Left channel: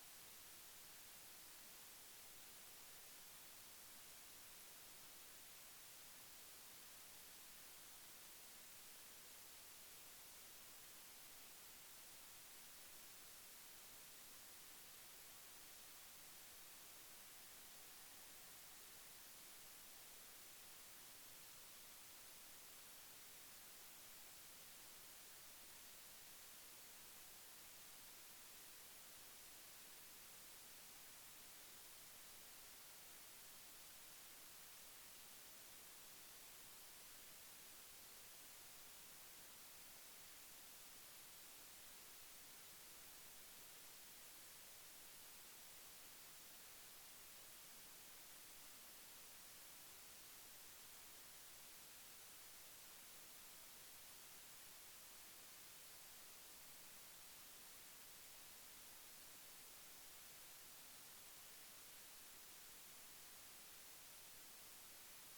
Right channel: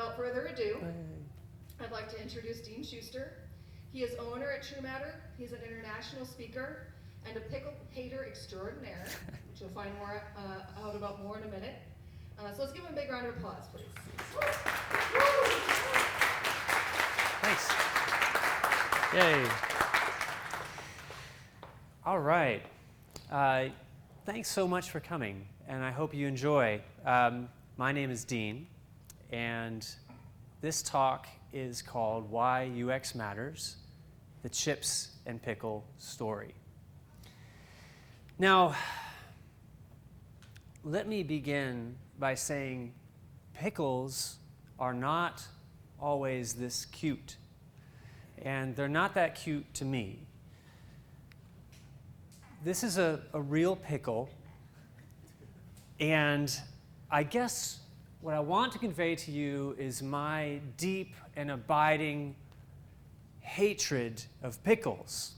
without further ado, I'd like to introduce Dean Schuster. He is owner at True Matter. He's an international speaker and a pickle hater extraordinaire, which you'll find more out about more in a minute. So let's give him a big round of applause, please. Thanks. Yay. All right. Thanks so much for coming, and I hope you enjoy. My name is Dean, and this talk is called Why UX Matters, the Chips and Pickle Story. Now, let me begin by saying pickles are not always this cute, and they're not that cute to me. This is a real pickle, and I guess what I want to convey to you is my deep and abiding hatred of pickles.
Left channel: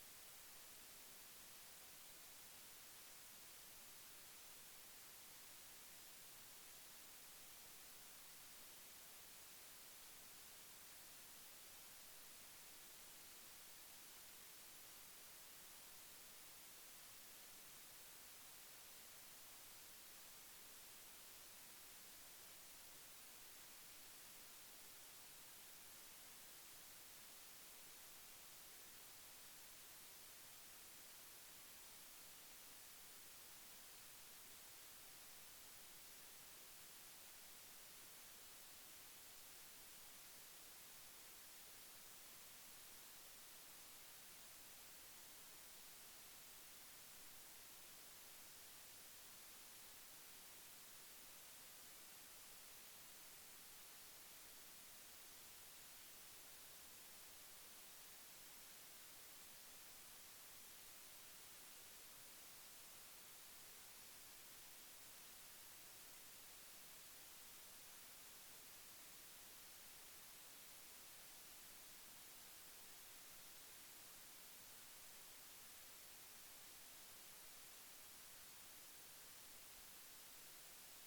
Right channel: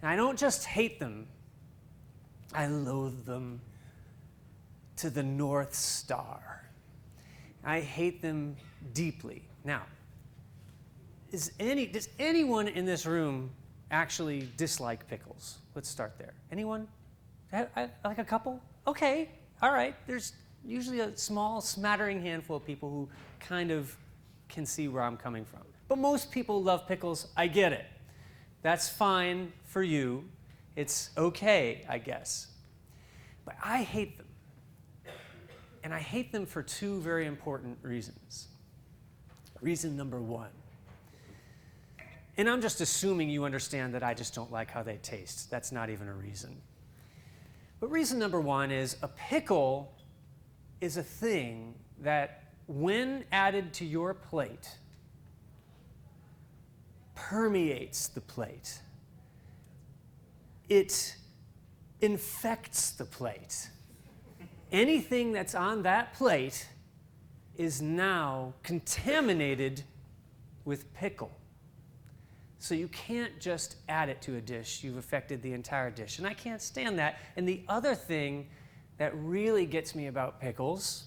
And I don't just hate them, I loathe them to the North Star. I hate them deeply. Now, does anyone in this room actually dislike pickles? Let's start there. Anyone? Like a couple? Okay, all right. There's usually a small smattering handful of people who kind of can see where I'm coming from. But most people love pickles. I get it. That's fine for you. It's okay, I guess. But I hate them. And I hate them for two very important reasons. Reason number one. And I'm just assuming you understand that I just don't like how they taste. That's not even a reason. But reason number one is a pickle is a thing that, when added to your plate, permeates the plate. It infects the plate. Anything that's on that plate is now contaminated with pickle. So you can't just add it to a dish. You've affected the entire dish. And I can't stand that. And the other thing that really gets me about pickles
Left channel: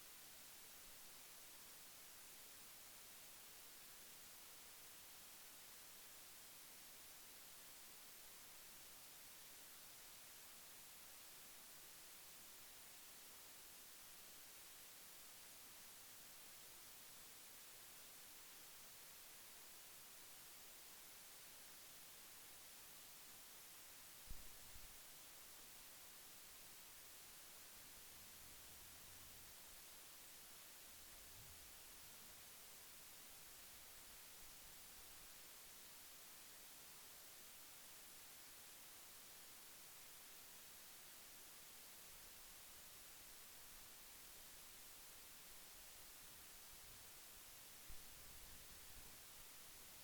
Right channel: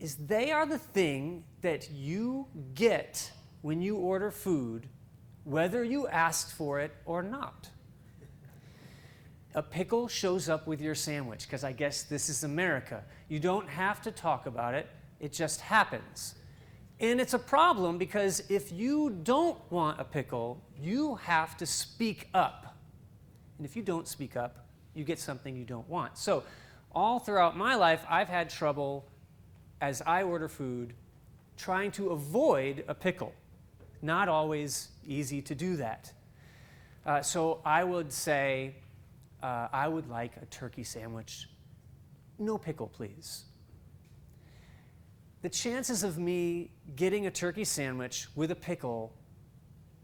is they are the thing that you get when you order food, whether you asked for it or not. A pickle shows up with your sandwich, because I guess this is America. You don't have to talk about it. It just happens. And it's a problem because if you don't want a pickle, you have to speak up. And if you don't speak up, you get something you don't want. So all throughout my life, I've had trouble, as I order food, trying to avoid a pickle. Not always easy to do that. So I would say, I would like a turkey sandwich. No pickle, please. The chances of me getting a turkey sandwich with a pickle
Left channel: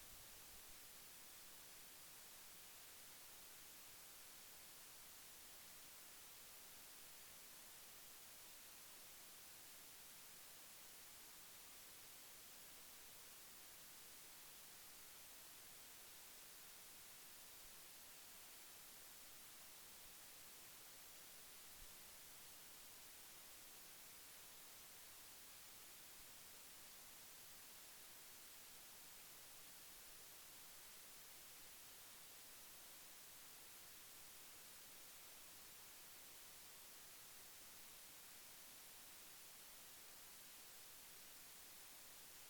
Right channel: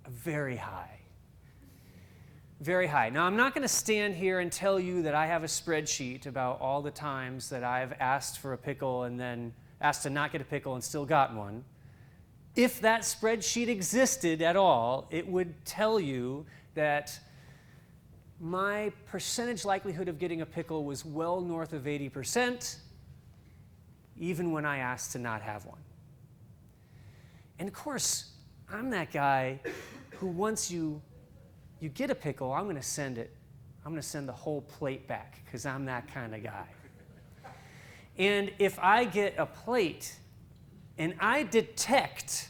are very high. Very high. Now, I'm not going to stand here and tell you that I have a spreadsheet about all the times that I've asked for a pickle and then asked to not get a pickle and still got one. If that spreadsheet existed at all, it would tell you that my percentage likelihood of getting a pickle was well north of 80%, even when I asked to not have one. And of course, I'm that guy who once you get a pickle, I'm going to send the whole plate back, because I'm that kind of guy. And if I get a plate and I detect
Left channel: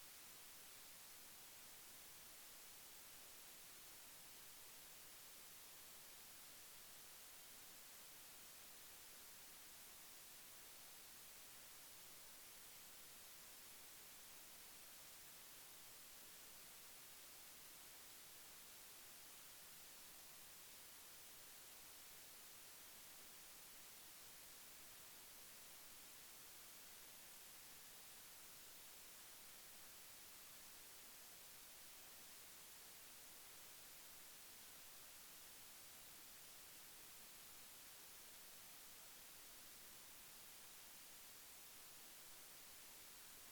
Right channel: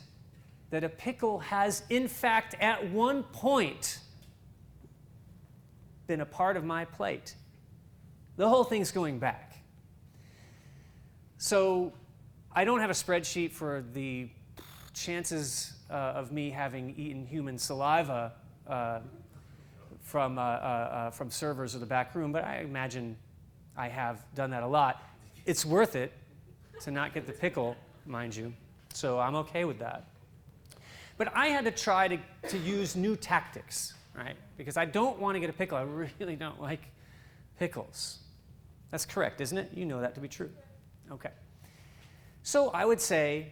that a pickle has, in fact, at one point been a part of my plate, the whole thing's going back. So I don't have a spreadsheet for the chances of me having eaten human saliva from servers or the back room, but I imagine I have done that a lot. It's worth it to not get the pickle, mind you, so I'm okay with that. But I had to try to use new tactics, right? Because I don't want to get a pickle. I really don't like pickles. That's correct, isn't it? You know that to be true. Okay. So I would say,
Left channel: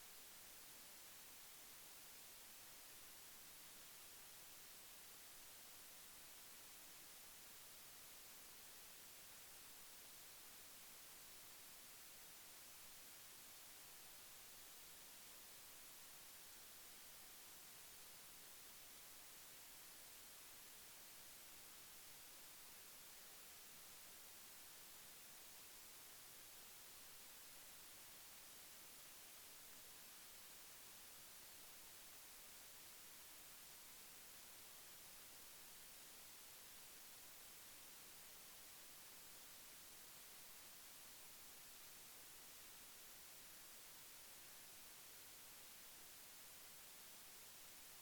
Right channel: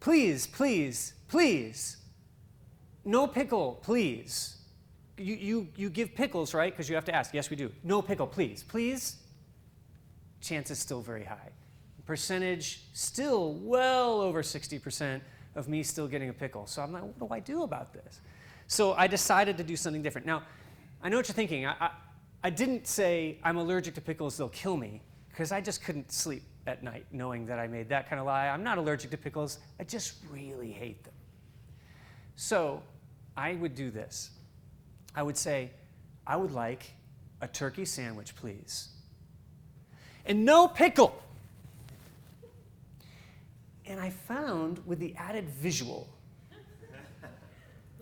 please, please, please, no pickle, please. You give pickles, right? Because you have to ask. Yes, we do. No pickle, please. Please? Chance is still very high. percentage still well over 60% of me still getting a pickle. So I'm like, what do I do about this? So I decided to do something different. Now, I know what you're thinking. I didn't say I'm allergic to pickles, they'll kill me, because I just couldn't sleep at night knowing that I made that kind of lie. I'm not allergic to pickles. I just really hate them. So I would do this. I would say, I would like a turkey sandwich, please. And no pickle. And I found with the added visual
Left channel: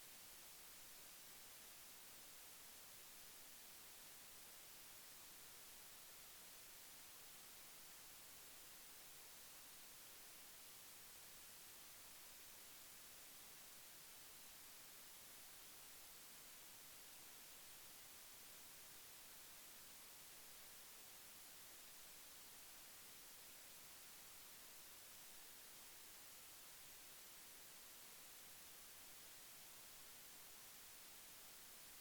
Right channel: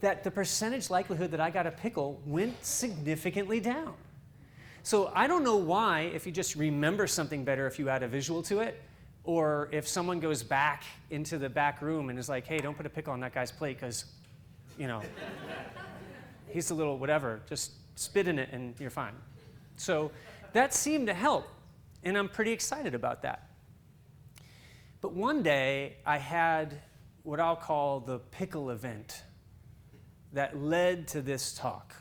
that the percentage likelihood that I got a pickle went significantly down. So I don't know why, if you just remember something better if you add a visual to it, or if someone goes back into the back room and is like, hey, don't put a pickle on that guy's plate because, he's a little whatever, just spit in it and you're fine. So that seemed to help, and I'm pretty excited about that. But one day I had what I'll call the pickle event that led to this talk.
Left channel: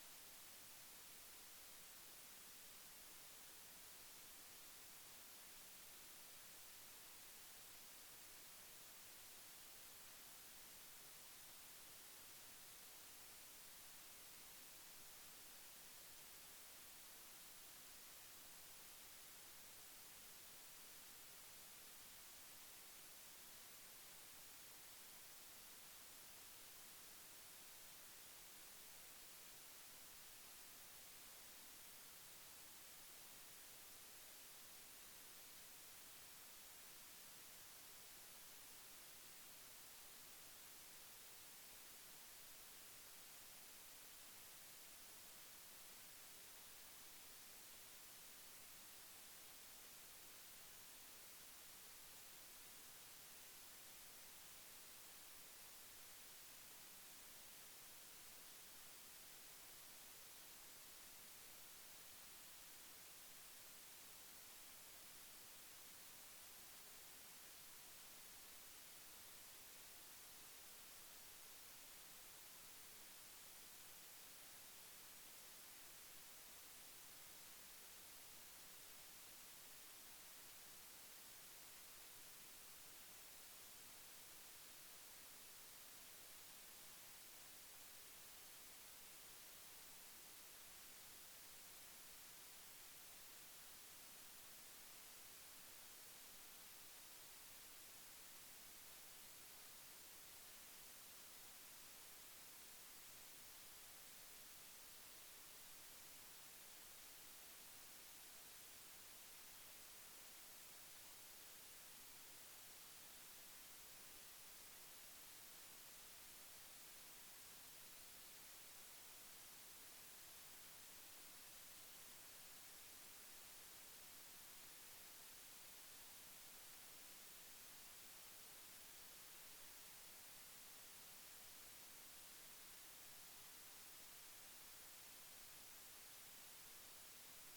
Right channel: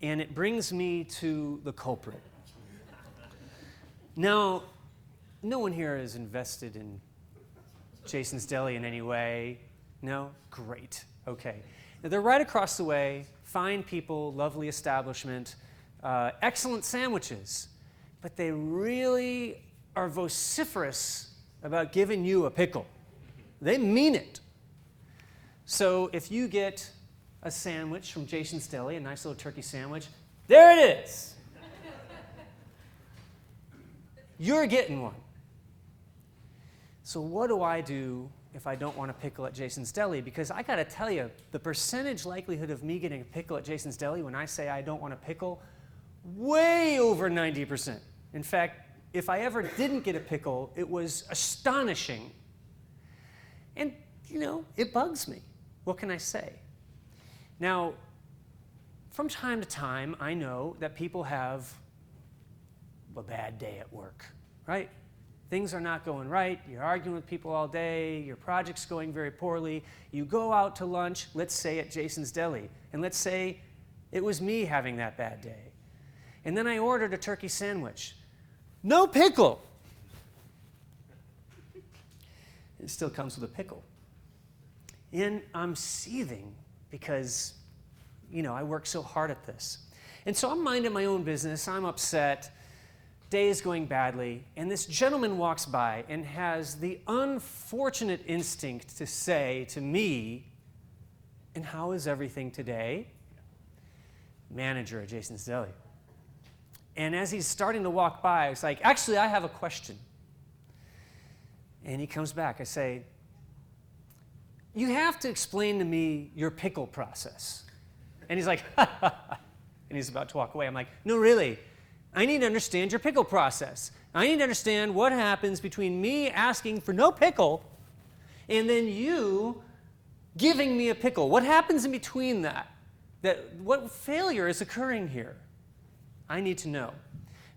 And it brings me to the culprit. Now, no one here is invested in Jason's Deli in any way. No? Great. Okay. Now, they're right across the way. Fine people, lovely establishment, excellent sandwiches. But they really are vociferous about giving you a pickle. They mean it. So if you get a sandwich from Jason's Deli, a nice little turkey sandwich, there it is. You're getting one. So what do I do if I don't want a pickle at Jason's Deli? Because I got to tell you, the percentage likelihood of me getting a pickle at Jason's Deli when I say I don't want a pickle, way over 90%. In fact, if I ever didn't get a pickle, it was astonishing. And, it bugs me. What can I say? Now, from time to time, I know that people have a bad day at work, right? Things are not going right. You're arguing with people all day. Your project's going very poorly. You go out to lunch, let's say at Jason's Deli, and let's say it was me having that bad day. And then I ordered a turkey sandwich. No pickle. It still comes with a pickle. And I'm seething because, I work so hard at this. And so I'm minding my own business. I'm upset. Day is going badly. And this gentleman walks by and has the unfortunate instinct to say to me, and how is everything today? Manager at Jason's Deli. And as he's starting to walk by, I was like, actually, I have a question. And he comes back. I say, you have to explain to me your pickle process. And he's like, ha, ha, ha. And he's about to walk away. I'm like, no, really. I need to understand your pickle process. I need to understand what happens between me asking for no pickle and then you giving me a pickle. What happens in between that? What failure is occurring here? I need to know.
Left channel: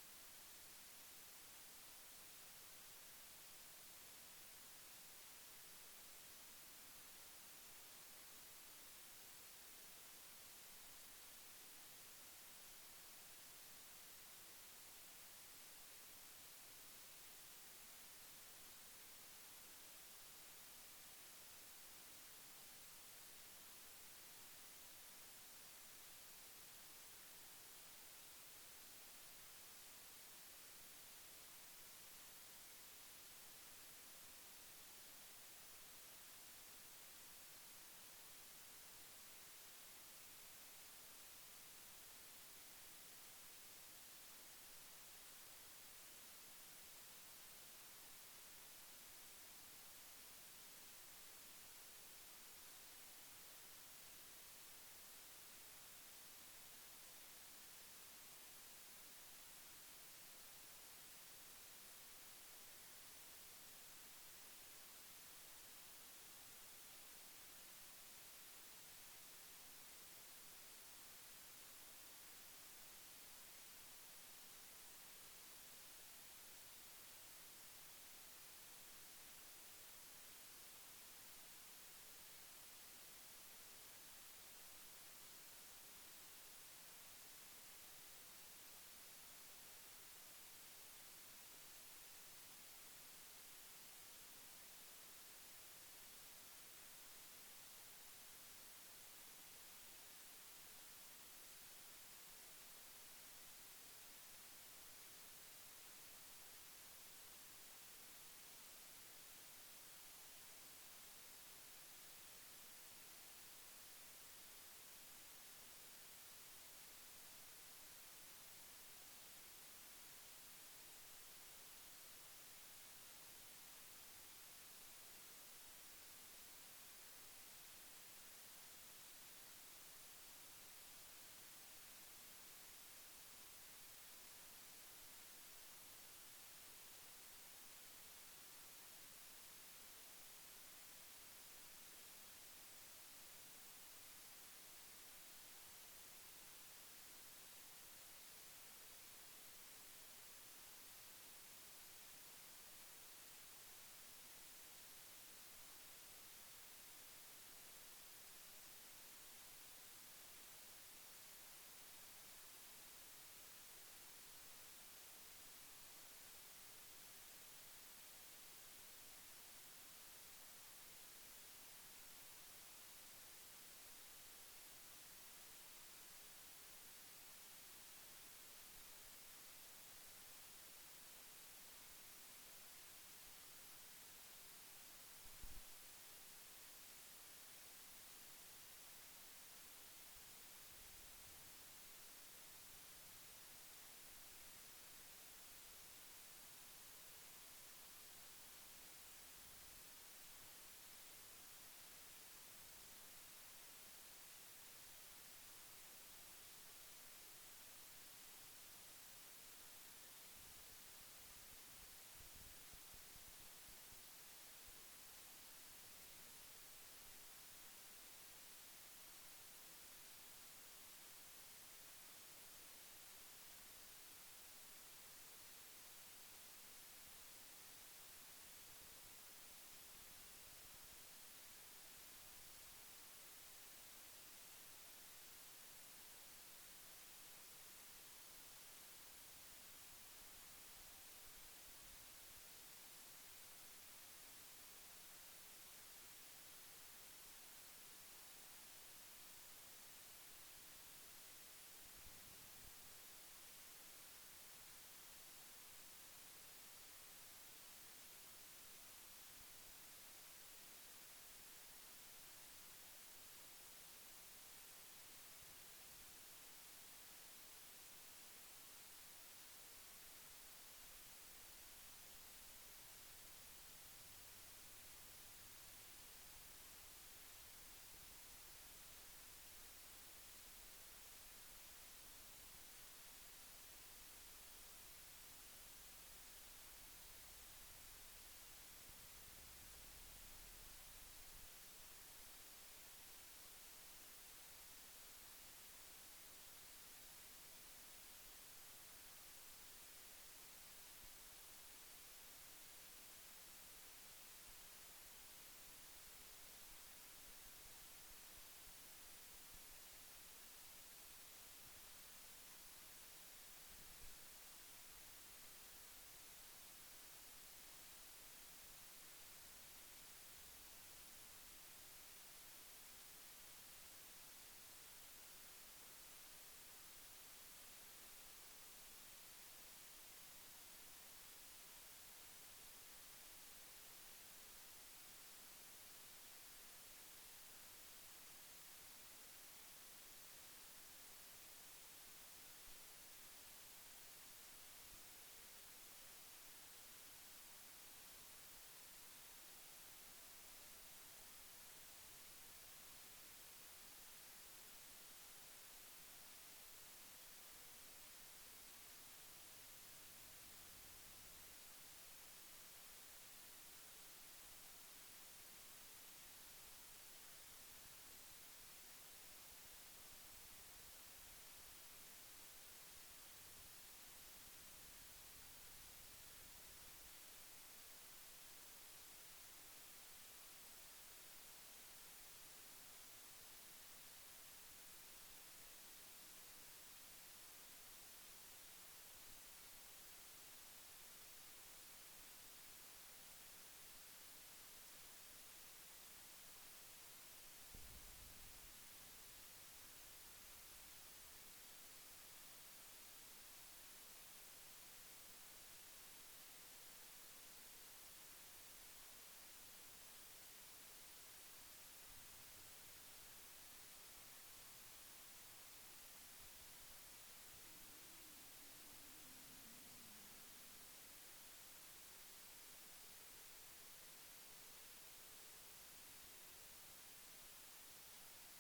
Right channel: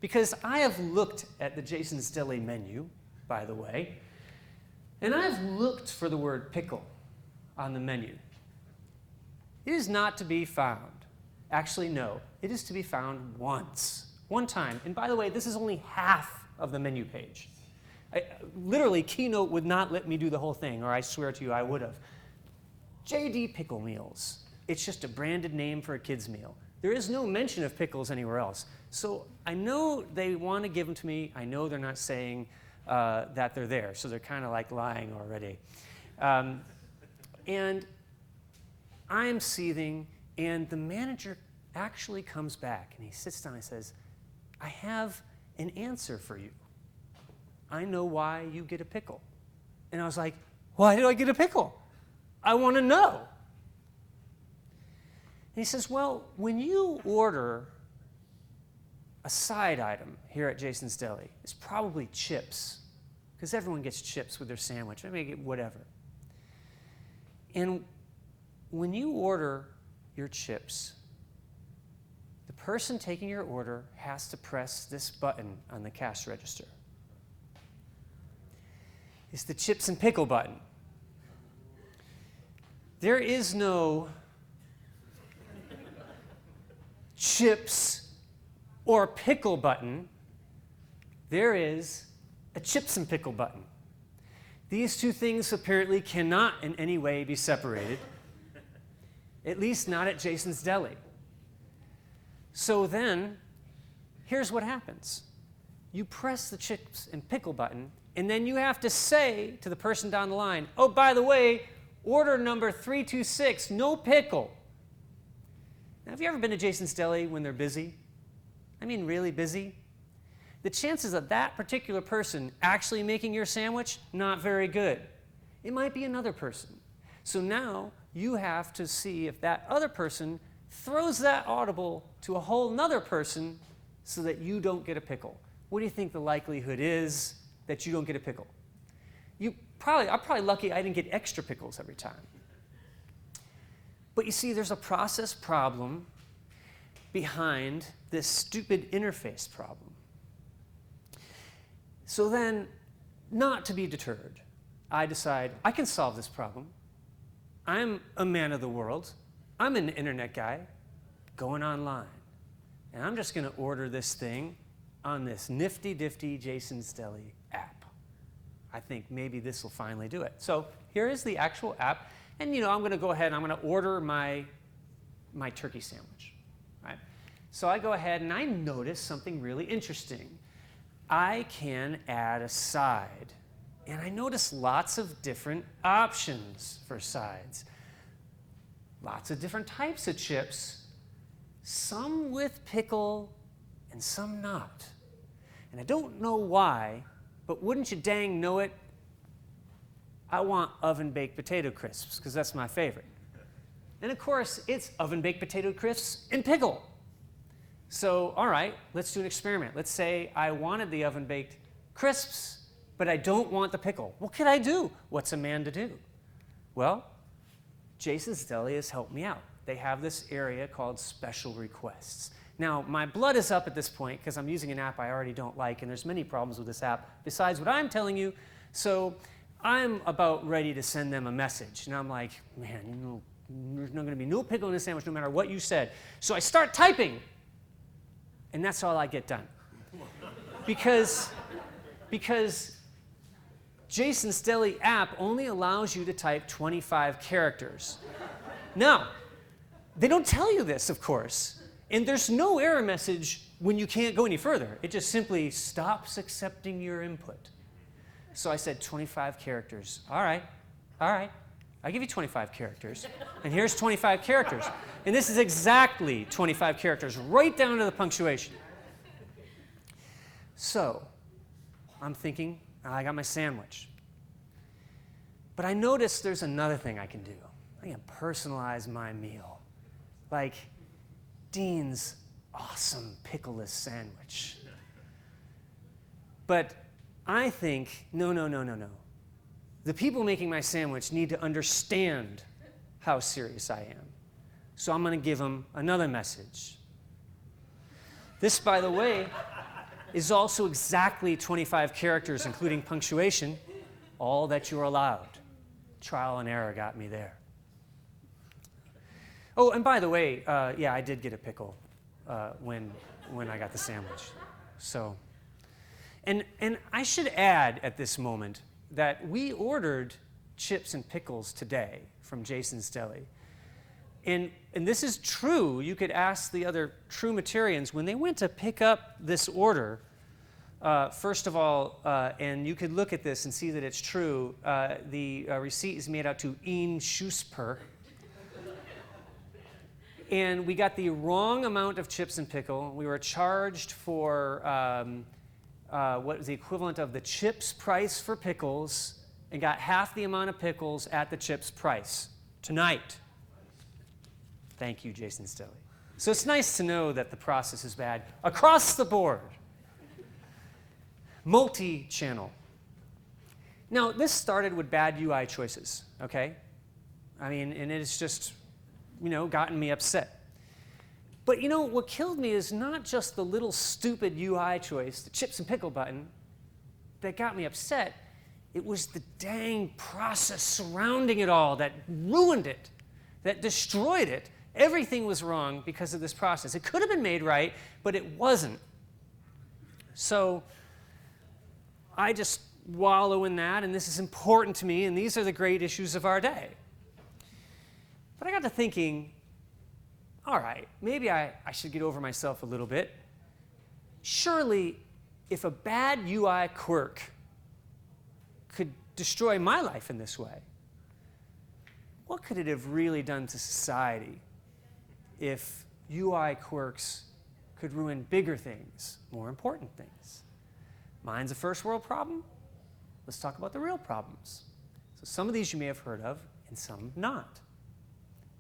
Because I have looked at the Jason's Deli menu, by the way, and I've looked for the word pickle on the menu. It is not to be found. Actually, no. It is to be found once. One time. And by the way, this is only half of the menu page. Literally, Keynote would not let me do the whole thing, or I swear to you, I would have. JD Pickle Meals. It's just a branded name for a kid's meal. There is no mention of pickles anywhere else. So I know they want to give them to me. I know they're not saying that they're there. So they're kind of like lying already. And I'm seething, and the manager actually comes back, and he sits down and says, I have an answer for you. I know why you get a pickle. And I was like, why do I get a pickle? I want to know. And he says, well, when you order a side item here at Jason's Deli, it's probably chips, because everyone gets chips with their sandwich. Maybe they get whatever. And when you order your chips, the person taking your order has to press this button on the cash register. It's the chips and pickle button. There is no chips or pickle button. There is a chips and pickle button. These two things apparently cannot in any way be separated, at least not at Jason's Deli. So then, here's what happens. You press the chips and pickle button, and then you have to say to the person down the line, oh, by the way, order number 326, no pickle. Now, have you ever been to Jason's Deli when they're busy? I mean, really busy? The chances of that particular person actually making your sandwich, not very good. It might be another person. So now you have to see if that other person throws that audible to a whole nother person so that you don't get a pickle. What do you think the likelihood is that you don't get a pickle? I'm probably lucky I didn't get extra pickles every time. But you see, there's a process problem behind this stupid interface problem. So then, not to be deterred, I decide I can solve this problem. I'm a man of the world. I'm an internet guy going online. And I'm just going to order this thing on this nifty-difty Jason's Deli app. I think maybe this will finally do it. So here is the actual app. And I'm going to go ahead and I'm going to order my turkey sandwich. Right? So I go ahead and I notice something really interesting. I can add a side. And I notice lots of different options for sides. Lots of different types of chips, some with pickle and some not. And I don't know why, but wouldn't you dang know it, I want oven-baked potato crisps, because that's my favorite. And of course, it's oven-baked potato crisps and pickle. So, all right, let's do an experiment. Let's say I wanted the oven-baked crisps, but I don't want the pickle. What could I do? What's a man to do? Well, Jason's Deli has helped me out. They have this area called special requests. Now, my blood is up at this point because I'm using an app I already don't like, and there's many problems with this app besides what I'm telling you. So I'm about ready to send them a message. And I'm like, man, there's not going to be no pickle in this sandwich no matter what you said. So I start typing. And that's all I get done. Because Jason's Deli app only allows you to type 25 characters. Now, they don't tell you this, of course. And there's no error message when you can't go any further. It just simply stops accepting your input. So I said 25 characters. All right. I'll give you 25 characters. And here's 25 characters. And this is exactly 25 characters, right down to the punctuation. So I'm thinking, I got my sandwich. But I noticed there's another thing I can do. I can personalize my meal. Like Dean's awesome pickleless sandwich. But I think, no. The people making my sandwich need to understand how serious I am. So I'm going to give them another message. This, by the way, is also exactly 25 characters, including punctuation, all that you're allowed. Trial and error got me there. Oh, and by the way, I did get a pickle when I got the sandwich. So, and I should add at this moment that we ordered chips and pickles today from Jason's Deli. And this is true. You could ask the other true Materians when they went to pick up this order. First of all, and you could look at this and see that it's true, the receipt is made out to Ian Schusper. And we got the wrong amount of chips and pickle. We were charged for what was the equivalent of the chips price for pickles, and got half the amount of pickles at the chips price tonight. Thank you, Jason's Deli. So it's nice to know that the process is bad across the board. Multi-channel. Now, this started with bad UI choices, okay? I mean, and it's just, gotten me upset. But what killed me is not just the little stupid UI choice, the chips and pickle button, that got me upset. It was the dang process surrounding it all that ruined it, that destroyed it. Everything was wrong because of this process. It could have been made right, but it wasn't. So I just wallow in that, and this is important to me, and these are the great issues of our day. But I got to thinking, all right, maybe I should get over myself a little bit. Surely, if a bad UI quirk could destroy my life in this way, what could it have really done to society if UI quirks could ruin bigger things, more important things? Mine's a first world problem. Let's talk about the real problems. So some of these you may have heard of, and some not.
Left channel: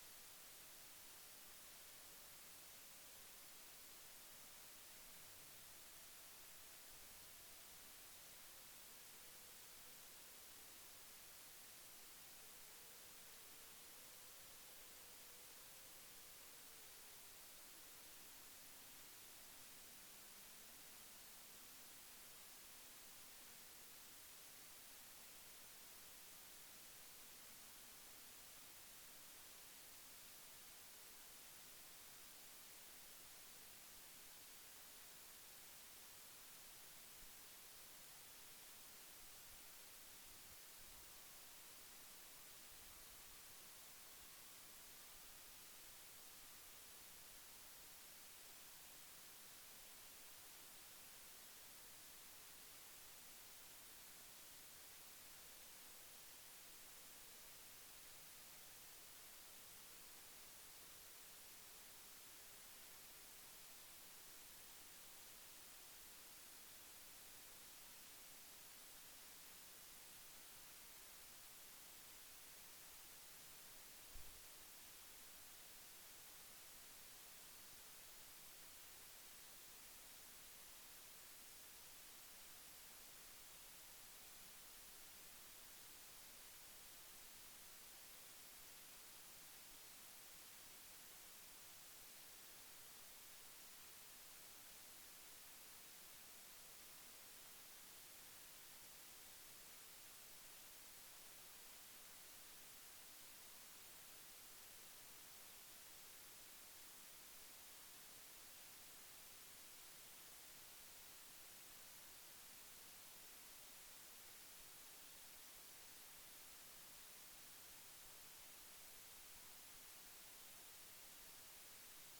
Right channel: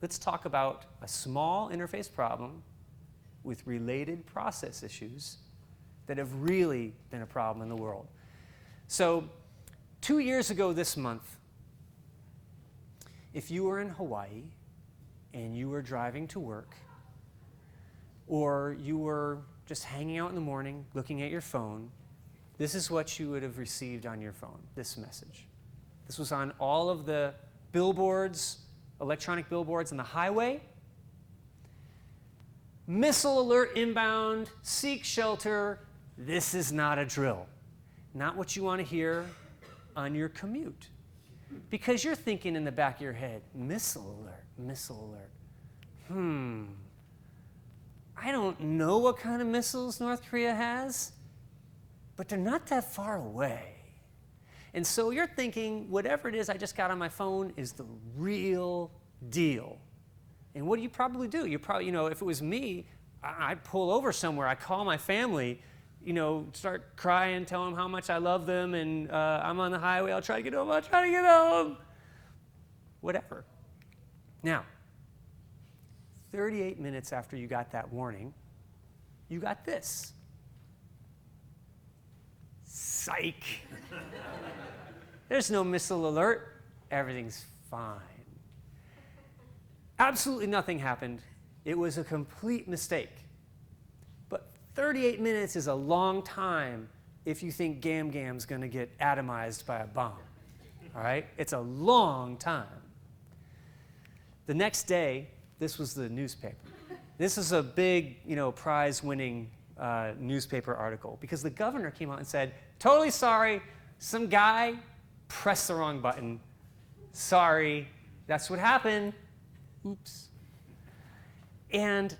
Let's talk about a small interface problem with related process issues that have really been a problem in the world. So 2 years ago this month, if you were in Hawaii and you were driving to work, or you were just hanging out in the morning looking at your phone, this is what you would have received on your phone, this message. This was on all of the billboards, electronic billboards on the highway. Missile alert inbound, seek shelter. This is not a drill. Not what you want to hear on your commute. Because you're thinking in the back of your head, missile alert, missile alert. I don't know what kind of missiles North Korea has, but they're not that far away. And so you're thinking, whatever it is I just got on my phone is the real deal. And what do you probably do? You probably, if it was me, I'd pull over somewhere. I'd call my family, start crying, tell them how much I love them, and I'm on the highway. I'll try to get home. Whatever. Now, 38 minutes after you got that warning, you got this. Psych. There's no missile alert. Everything's fine. Absolutely nothing happened. It was a complete mistake. But 38 minutes is a long time if you think Gam Gam's going to get atomized by a bomb. All right? It's a long time. The next day, this was the newspaper. This is a big, prize-winning newspaper article because the governor came out and said, totally sorry, some guy pressed the wrong button. Sorry, that's what happened. Oops. And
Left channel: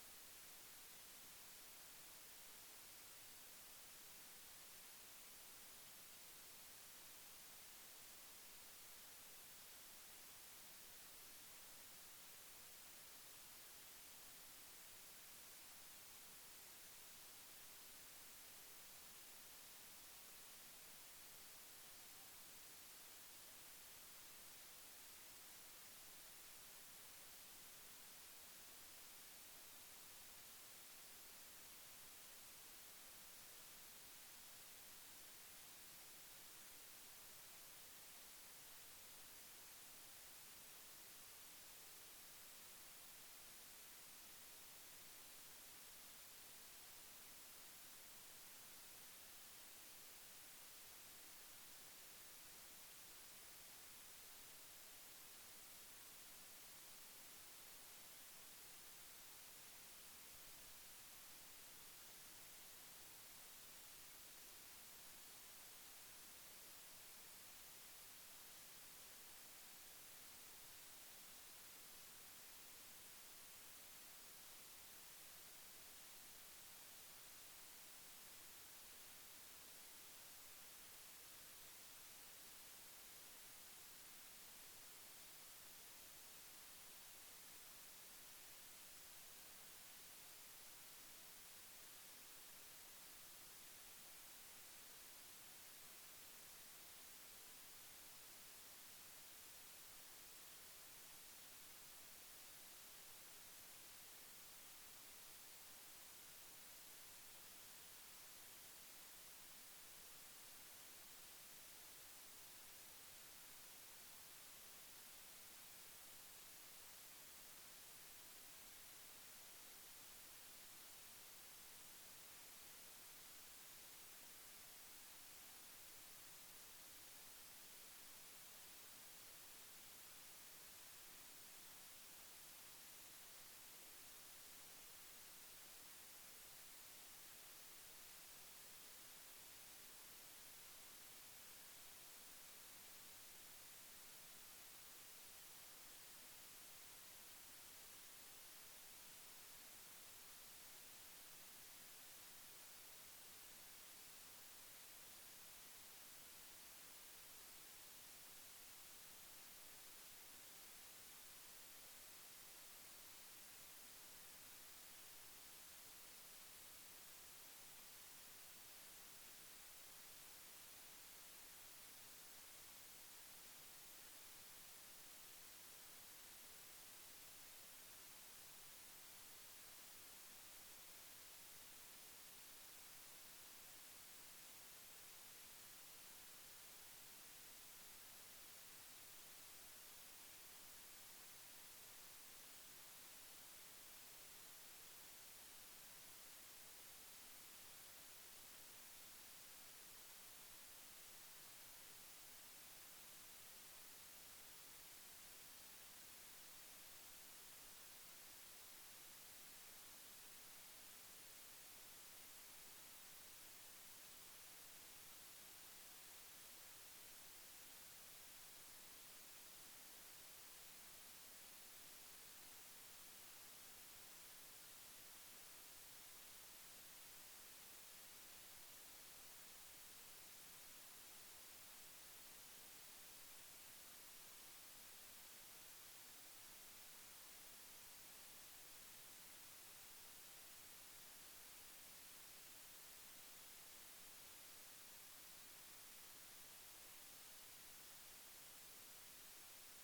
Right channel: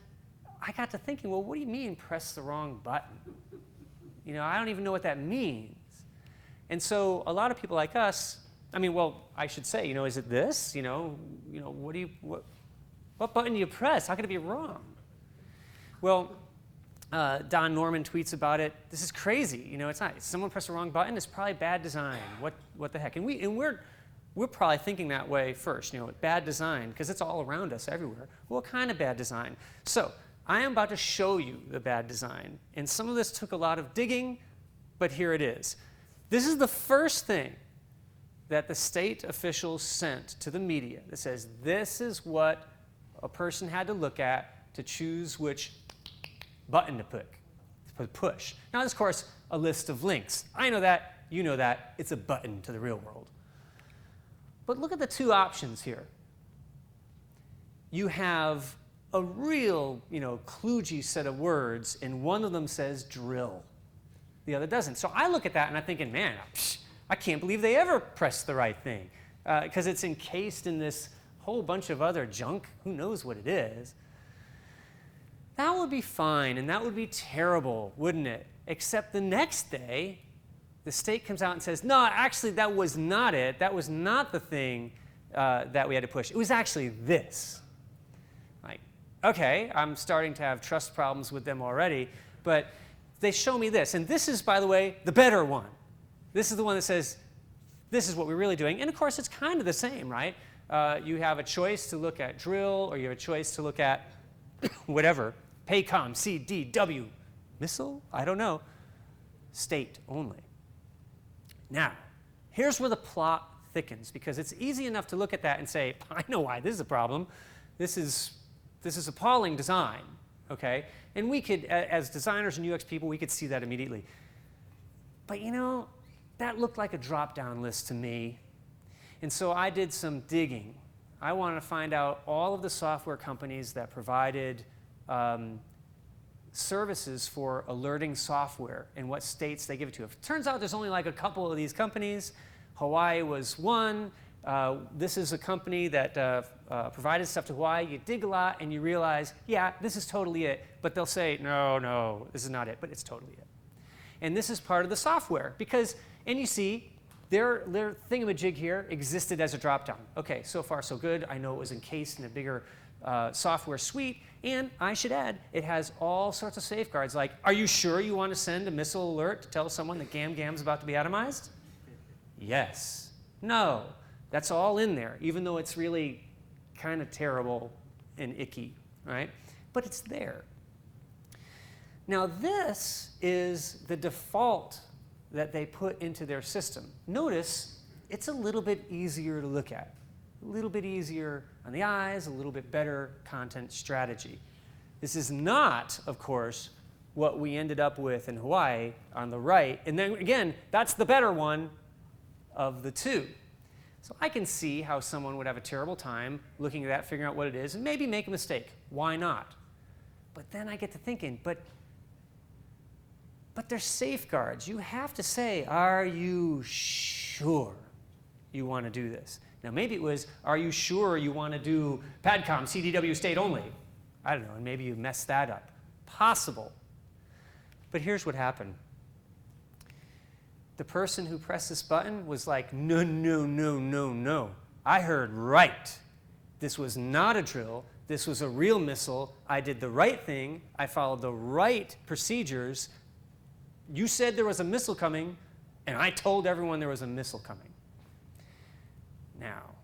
I got to thinking, well, what do you mean press the wrong button? I don't even know what that means. And so a lot of people like us, I should say, is it this? What button do you press? How could it be wrong? Well, Don Norman tweets about it. This is crazy. It's not. Someone pressed the wrong button. It's probably bad design. What the heck? And we're probably thinking that way first. Bad design because it's all around us everywhere. Well, what kind of bad design? So I am about to show you the bad design, and some of this took a lot of digging, but here it is. This is the first thing that the state officials sent to the media that says this is what a person had to look at to choose which button to push. Now, there's, of course, a list of links. I know that. You know that. It's a button to the real world. But look at the two options here. You have a real, kludgy set of words, and one of them says drill. The other doesn't. So I look at that, and I'm thinking, man, I can't believe they ever pressed the right thing because it's encased in this whole bunch of other junk. Who knows what it is? That would be fine, and that would be terrible, wouldn't it? Except the next day, the state comes out and says, no, actually, that was not it. That was not the thing that we had to push. It was actually this. Like, okay, I'm starting to have trust problems with them already, but they show me this. And this is, by the way, the better one. This is the one that says, this is what we're really doing. And, of course, it's kind of the same, right? You have a choice to look at drill, or you have a choice to look at whatever, PACOM, C, D, W, missile? I don't know. State only. Now, here's where the plot thickens, because it's easy enough to look at that and say, I know why this is a problem. This is appalling design, okay? And we could, as designers and UX people, we could see that immediately. But that looked like a drop-down list to me. And so I did some digging. I wanted to find out all of the software companies that provided services for alerting software and what states they give it to. If it turns out there's only like a couple of these companies, Hawaii was one. This is a company that provided stuff to Hawaii. You dig a lot and you realize, yeah, this is totally it. But they'll say, no, this is not it, but it's totally it. And this is part of the software because, and you see, their thingamajig here existed as a dropdown. Okay, so far so good. I know it was encased in a bigger software suite. And I should add, it has all sorts of safeguards like, are you sure you want to send a missile alert to tell someone that Gam's about to be atomized? Yes. No. That's all in there, even though it's really kind of terrible and icky, right? But it's there. Now this is the default that they put into their system. Notice it's a little bit easier to look at. A little bit easier on the eyes, a little bit better content strategy. This is not, of course, what we ended up with in Hawaii on the right. And then again, that's the better one of the two. So I can see how someone would have a terrible time looking at that, figuring out what it is, and maybe make a mistake. Why not? But then I get to thinking, but there's safeguards. You have to say, are you sure you want to do this? Now, maybe it was, are you sure you want to do PADCOM, CDW state only? I don't know, and maybe you messed that up. Possible. But here's what happened. The person who pressed this button was like, no. I heard right. This was not a drill. This was a real missile. I did the right thing. I followed the right procedures. You said there was a missile coming, and I told everyone there was a missile coming. Now,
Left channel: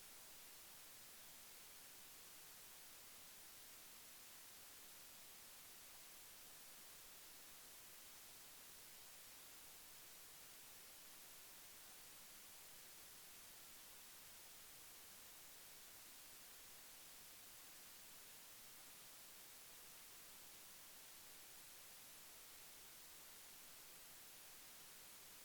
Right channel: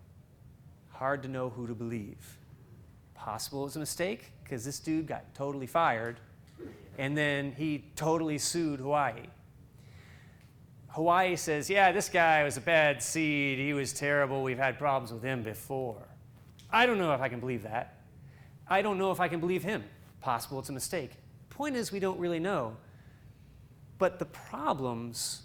hard to know who to believe. Possible it was a mistake, because this dude got totally fired, and then he totally sued Hawaii. Hawaii says, yeah, this guy was a bad seed. He was terrible. We've had problems with him before. I don't know if I can believe that. I don't know if I can believe him. Possible it's a mistake. Point is, we don't really know. But the problems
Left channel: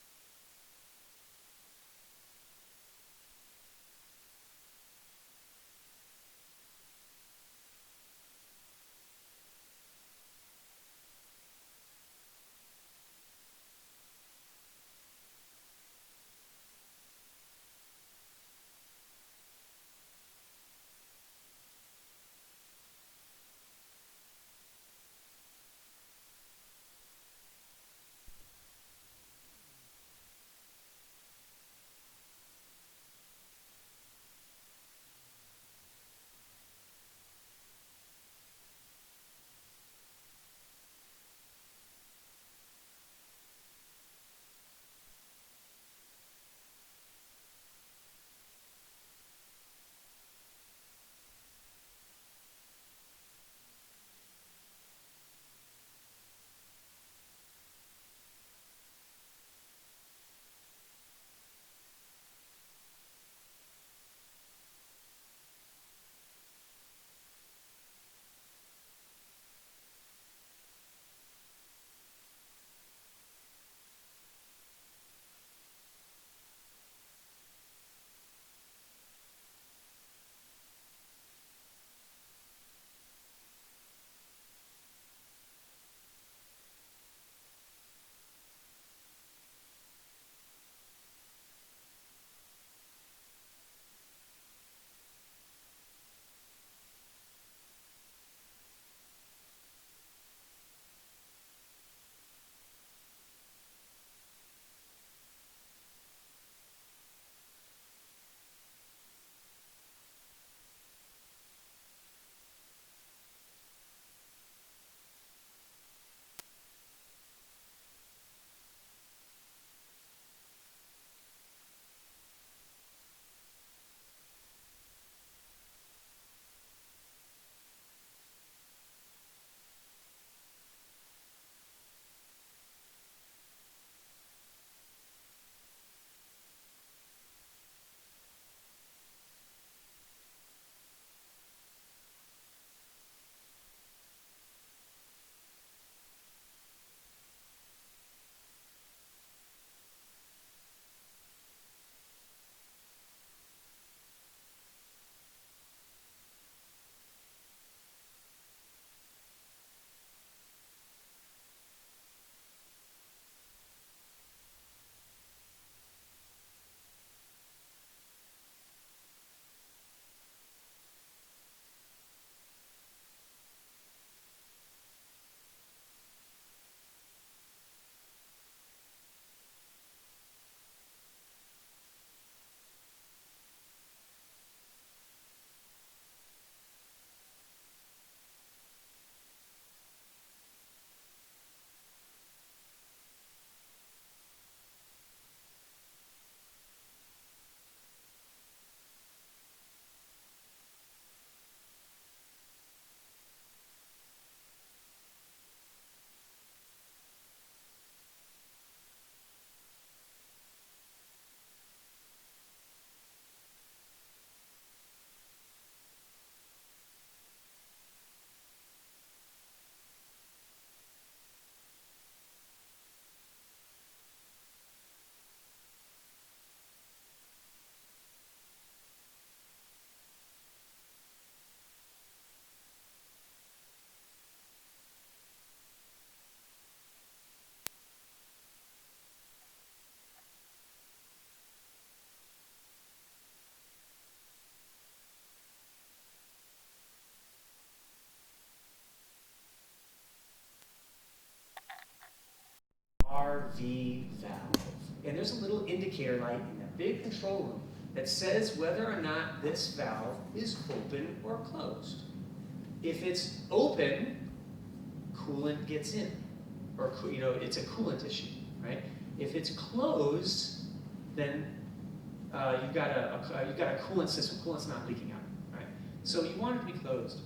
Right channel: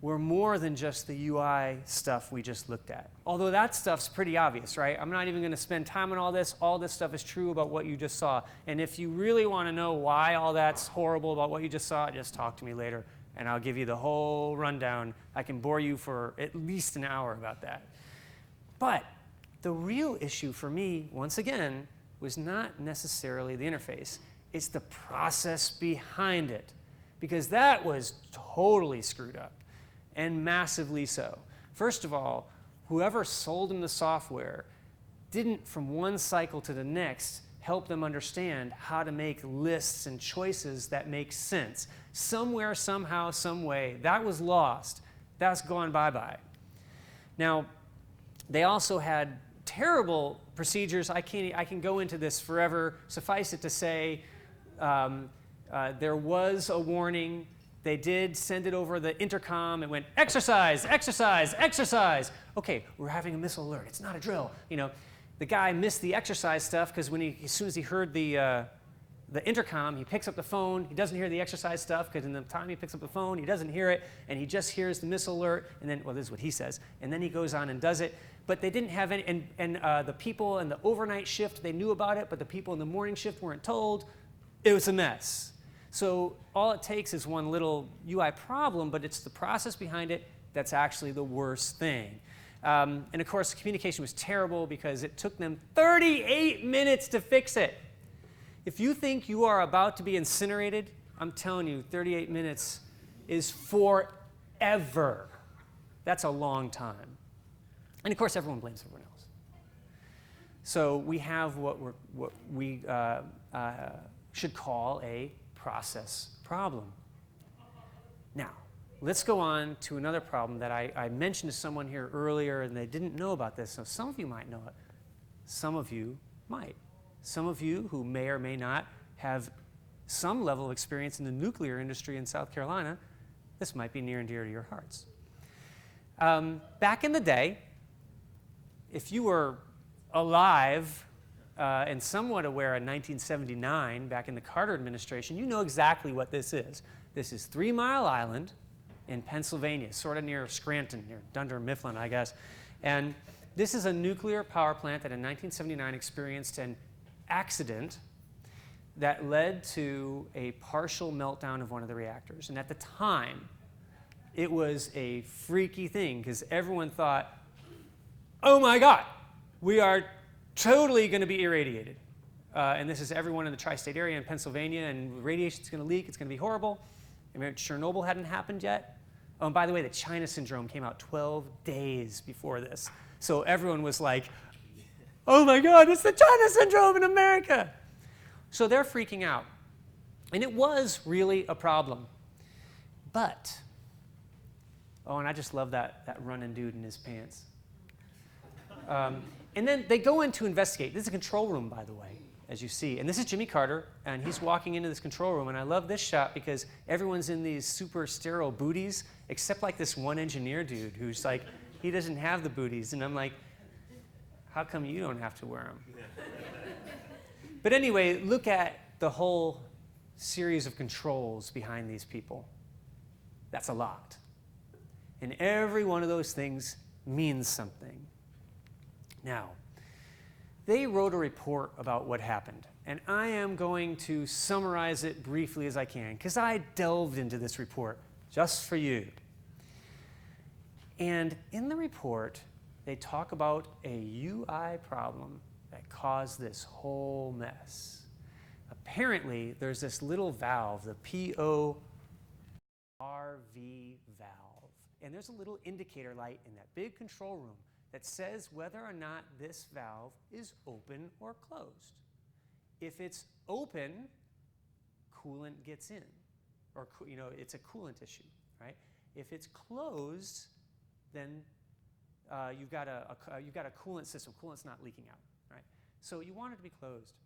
were more than just the UI stuff we just looked at. Although that stuff's pretty obvious, right? I'm not even going to spend time on all this. All this stuff is true about what you just saw. And if you really want to know why all that's horrible about what you just saw, just talk to me later, and I'll give you the whole rundown. I can bore you for at least an hour about that. But the real issue for me, once again, was not necessarily the interface. It's the process behind it. Because that was totally screwed up, and massively so. First of all, whoever sold them the software didn't, from one cycle to the next, help them understand how to make lists and choices that make sense. Somewhere, somehow, some way, that was lost. That's gone bye-bye. Now, they also had terrible procedures. I can go into this forever. Suffice it to say, there was a warning. They did send it over the intercom. It went, exercise, exercise, exercise. Okay, we're having a missile alert. It's not a drill. You know, the guy missed the exercise stuff because as soon as he heard the intercom, he picks up the phone. He doesn't hear the exercise stuff because in the time he picks up the phone, he doesn't hear it, and he just hears the missile alert. And then, well, this is what he says. And then he goes on and does it. But they didn't have any, and the people in the overnight shift, they knew about it, but the people in the morning shift weren't told. It was a mess. So all it takes is one little UI problem, but it's the process behind it that's actually the worst thing. And of course, the communication was terrible because it took them 38 minutes to fix it. If you think you are about to be incinerated, I'm telling you, 38 minutes is forever. That's a long time. And of course, everyone blames everyone else. So we have what we should call a process problem. Now, let's go on to another problem that I mentioned to someone here earlier, and they didn't know about this. So some of you might know it. Some of you might. Some of you who may or may not have some level of experience in the nuclear industry in South Carolina, this might be near and dear to your hearts. Back in the day, if you were alive and somewhat aware in 1979, back in the Carter administration, you know exactly what this is. This is 3 Mile Island in Pennsylvania, sort of near Scranton, near Dunder Mifflin, I guess. And this is a nuclear power plant that in 1979 experienced an accident, that led to a partial meltdown of one of the reactors. And at the time, it was a freaky thing because everyone thought, oh my God, we are totally going to be irradiated. And this is everyone in the tri-state area in Pennsylvania, and radiation's going to leak, it's going to be horrible. And Chernobyl hadn't happened yet. Oh, and by the way, the China syndrome came out 12 days before this. So everyone was like, oh my God, it's the China syndrome in America. So they're freaking out. And it was really a problem. But, oh, and I just love that running dude in his pants. And then they go in to investigate. This is a control room, by the way, as you see. And this is Jimmy Carter, and he's walking into this control room. And I love this shot because everyone's in these super sterile booties, except like this one engineer dude who's like, he doesn't have the booties. And I'm like, how come you don't have to wear them? But anyway, look at the whole series of controls behind these people. That's a lot. And every one of those things means something. Now, they wrote a report about what happened. And I am going to summarize it briefly as I can, because I delved into this report just for you. And in the report, they talk about a UI problem that caused this whole mess. Apparently, there's this little valve, the PORV valve. And there's a little indicator light in that big control room that says whether or not this valve is open or closed. If it's open, coolant gets in. Or, it's a coolant issue, right? If it's closed, then you've got a coolant system. Coolant's not leaking out, right? So you want it to be closed.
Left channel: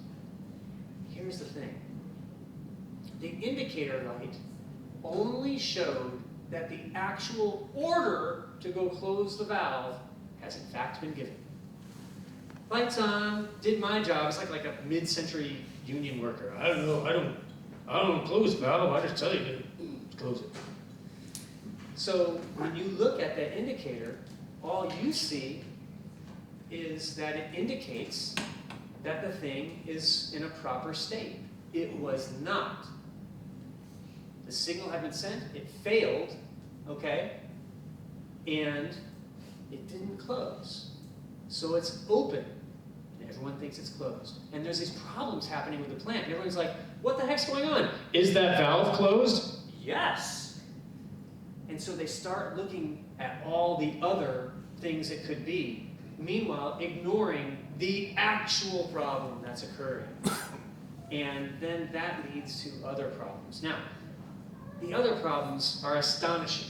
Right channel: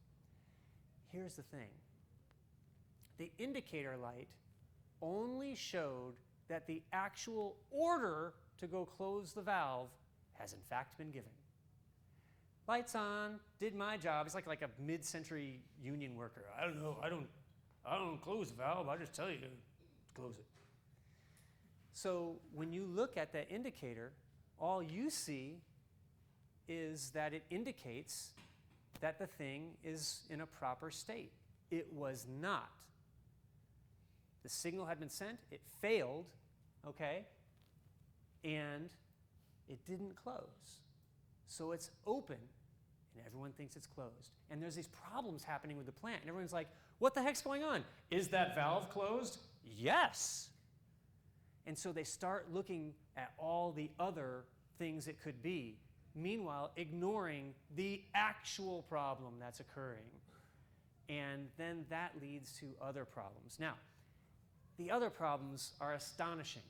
Here's the thing. The indicator light only showed that the actual order to go close the valve has in fact been given. Lights on, did my job. It's like a mid-century union worker. I don't know, I don't close the valve, I just tell you to close it. So when you look at that indicator, all you see is that it indicates that the thing is in a proper state. It was not. The signal had been sent, it failed, okay? And it didn't close. So it's open. And everyone thinks it's closed. And there's these problems happening with the plant. And everyone's like, what the heck's going on? Is that valve closed? Yes. And so they start looking at all the other things it could be. Meanwhile, ignoring the actual problem that's occurring. And then that leads to other problems. Now, the other problems are astonishing.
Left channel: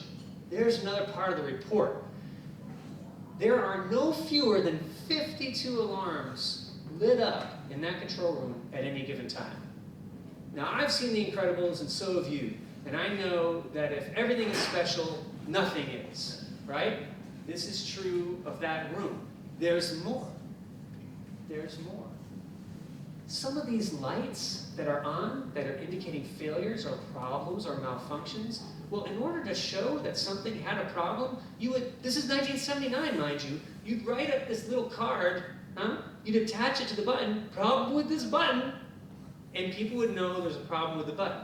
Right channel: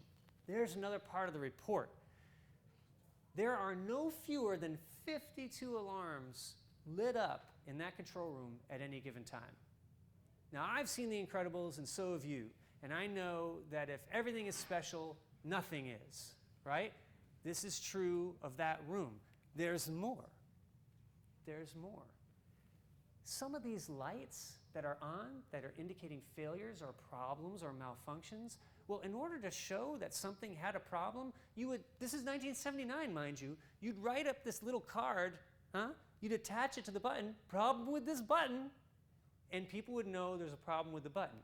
There's another part of the report. There are no fewer than 52 alarms lit up in that control room at any given time. Now, I've seen The Incredibles, and so have you. And I know that if everything is special, nothing is, right? This is true of that room. There's more. There's more. Some of these lights that are on, that are indicating failures or problems or malfunctions, well, in order to show that something had a problem, you would, this is 1979, mind you, you'd write up this little card, you'd attach it to the button, problem with this button, and people would know there's a problem with the button.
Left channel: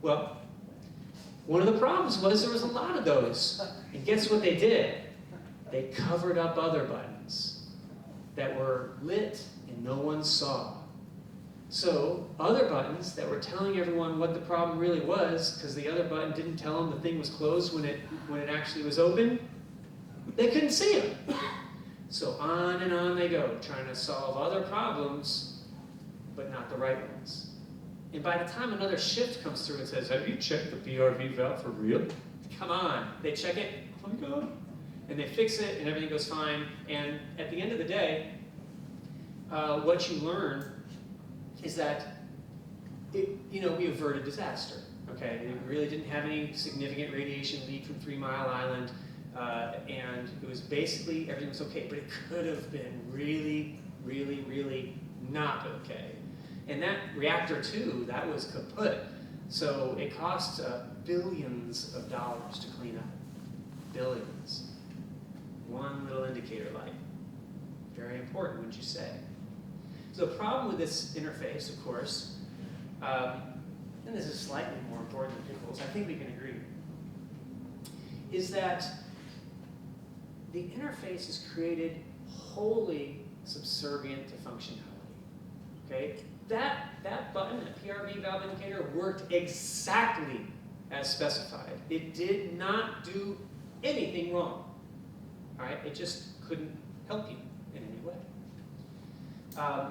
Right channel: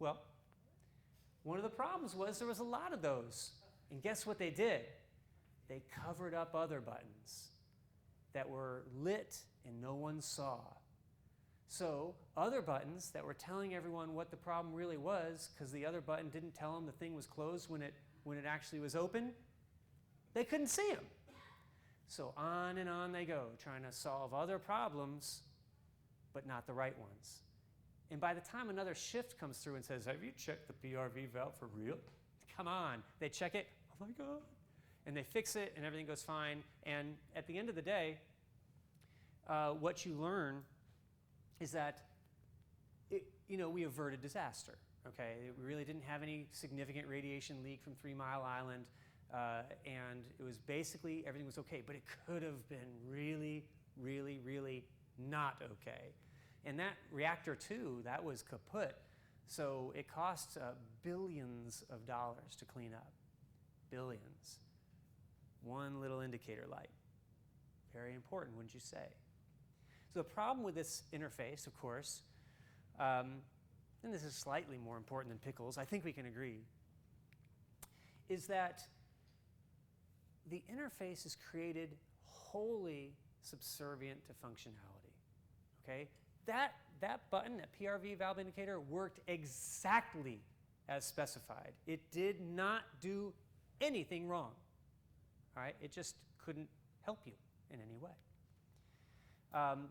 Well, one of the problems was there was a lot of those. And guess what they did? They covered up other buttons that were lit and no one saw. So other buttons that were telling everyone what the problem really was, because the other button didn't tell them the thing was closed when it actually was open, they couldn't see them. So on and on they go, trying to solve other problems, but not the right ones. And by the time another shift comes through and says, have you checked the PRV valve for real? Come on. They check it, oh my God. And they fix it, and everything goes fine. And at the end of the day, what you learn is that we averted disaster. Okay, we really didn't have any significant radiation leak from 3 Mile Island, and it was basically everything was okay. But it could have been really, really, really not okay. And that reactor too, that was kaput. So it cost billions of dollars to clean up. Billions. One little indicator light. Very important, wouldn't you say? So the problem with this interface, of course, and this is slightly more important than Pickle's, I think we can agree, is that the interface is created wholly subservient to functionality. Okay? That button, that PRV valve indicator, worked exactly as specified. It did not do anything wrong. All right? It just couldn't help you in any way.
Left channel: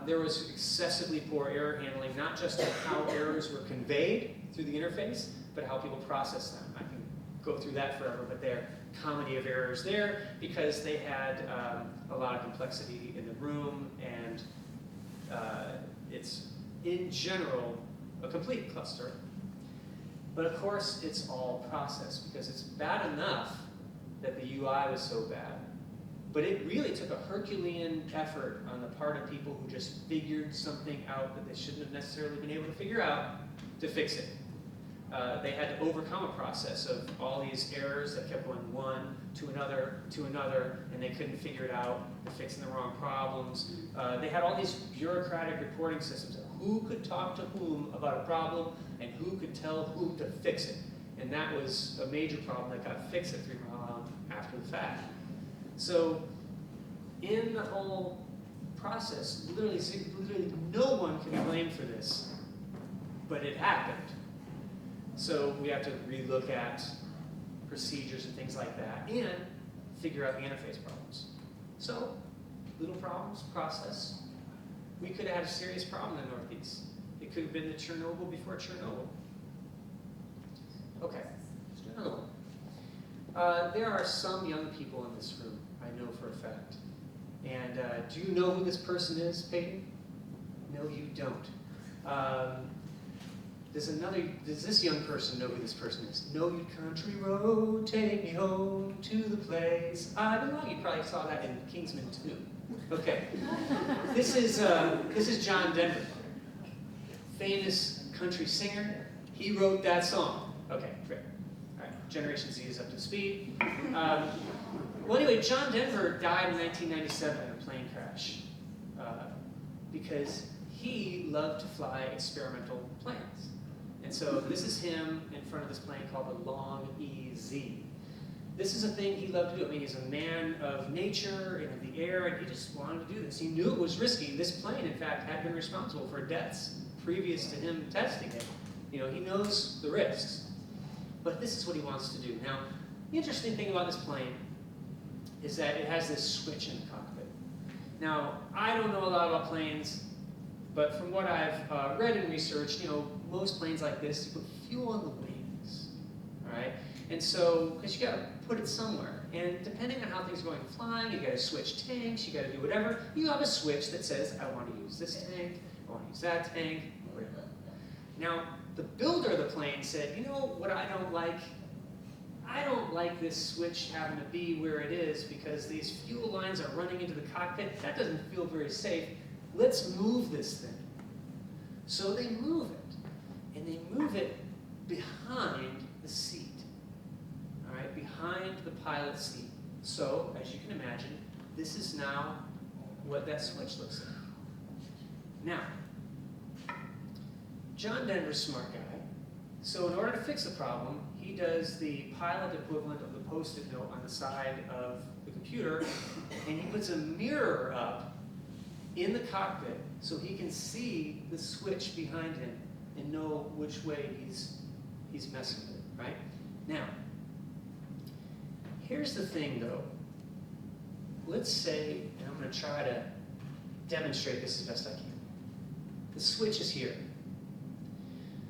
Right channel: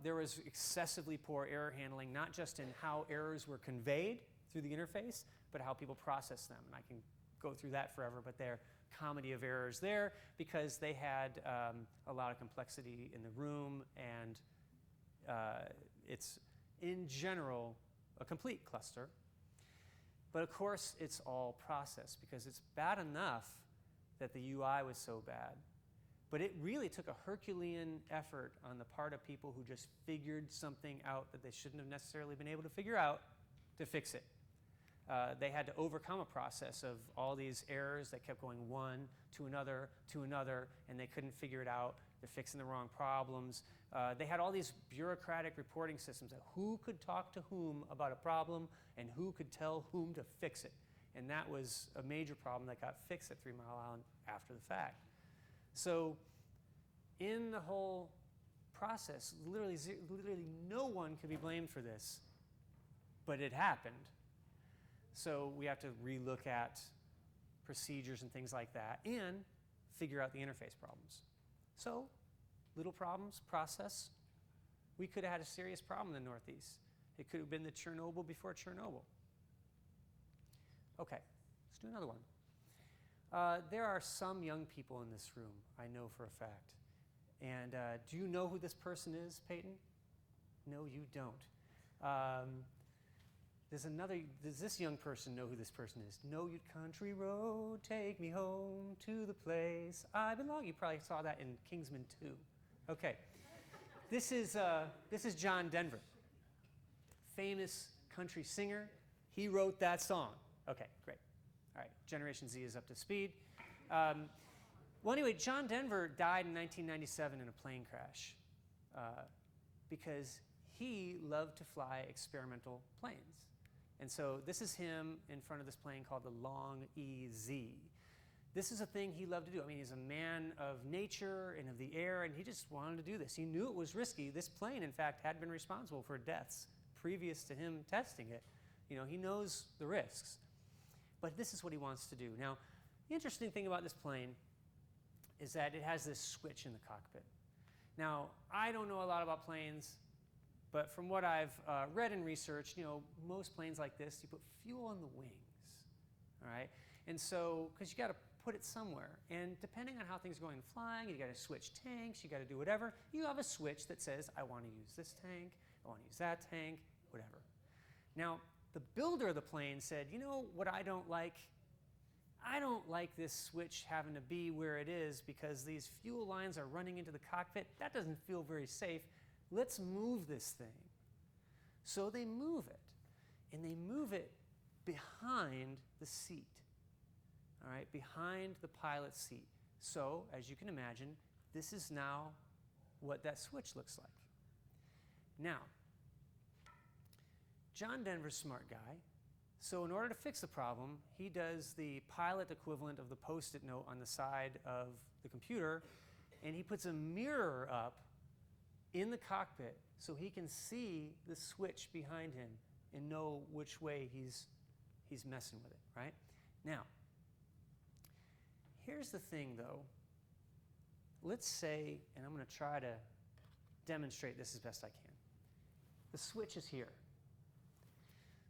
There was excessively poor error handling, not just in how errors were conveyed through the interface, but how people process them. I can go through that forever, but there are comedy of errors there because they had a lot of complexity in the room, and it's, in general, a complete cluster. But of course, it's all process, because it's bad enough that the UI was so bad. But it really took a Herculean effort on the part of people who just figured something out that they shouldn't have necessarily been able to figure out to fix it. They had to overcome a process of all these errors that kept going one to another, and they couldn't figure it out. They're fixing the wrong problems. They had all these bureaucratic reporting systems of who could talk to whom about a problem and who could tell whom to fix it. And that was a major problem that got fixed at 3 mile after the fact. So in the whole process, literally no one can be blamed for this, but it happened. So we have to relook at procedures and things like that, and figure out interface problems. So, little problems, process. We could have had a serious problem in the Northeast. It could have been the Chernobyl before Chernobyl. Okay, let's do another one. There are some young people in this room, I know for a fact. And do you know who this person is, Peyton? No, you don't. Does this young person know who this person is? Know you country road, take me home to the place I belong. You probably saw that in Kingsman 2. Okay. This is John Denver, famous country singer. He wrote that song. Okay, great. All right, Generation Z is up to speed. Well, anyway, John Denver died in 1997 in a plane crash because he loved to fly experimental planes. And so this is him in front of this plane called the Long EZ. This is a thing he loved to do. I mean, he's a man of nature and of the air, and he just wanted to do this. He knew it was risky. This plane, in fact, had been responsible for deaths previous to him testing it. You know, he knows the risks. But this is what he wants to do. Now, the interesting thing about this plane is that it has this switch in the cockpit. Now, I don't know a lot about planes, but from what I've read and researched, you know, most planes like this, you put fuel on the wings, all right? And so, because you got to put it somewhere. And depending on how things are going flying, you got to switch tanks, you got to do whatever. You have a switch that says, I want to use this tank, I want to use that tank, whatever. Now, the builder of the plane said, you know what I don't like? I don't like this switch having to be where it is because these fuel lines are running into the cockpit. That doesn't feel very safe. Let's move this thing. So they move it. And they move it behind the seat. All right, behind the pilot's seat. So, as you can imagine, this is now what that switch looks like. Now, John Denver's a smart guy. So in order to fix the problem, he does the pilot equivalent of the Post-it note on the side of the computer, and he puts a mirror up in the cockpit so he can see the switch behind him and know which way he's messing with it, right? Now, here's the thing though. Let's say, and I'm going to try to demonstrate this as best I can. The switch is here.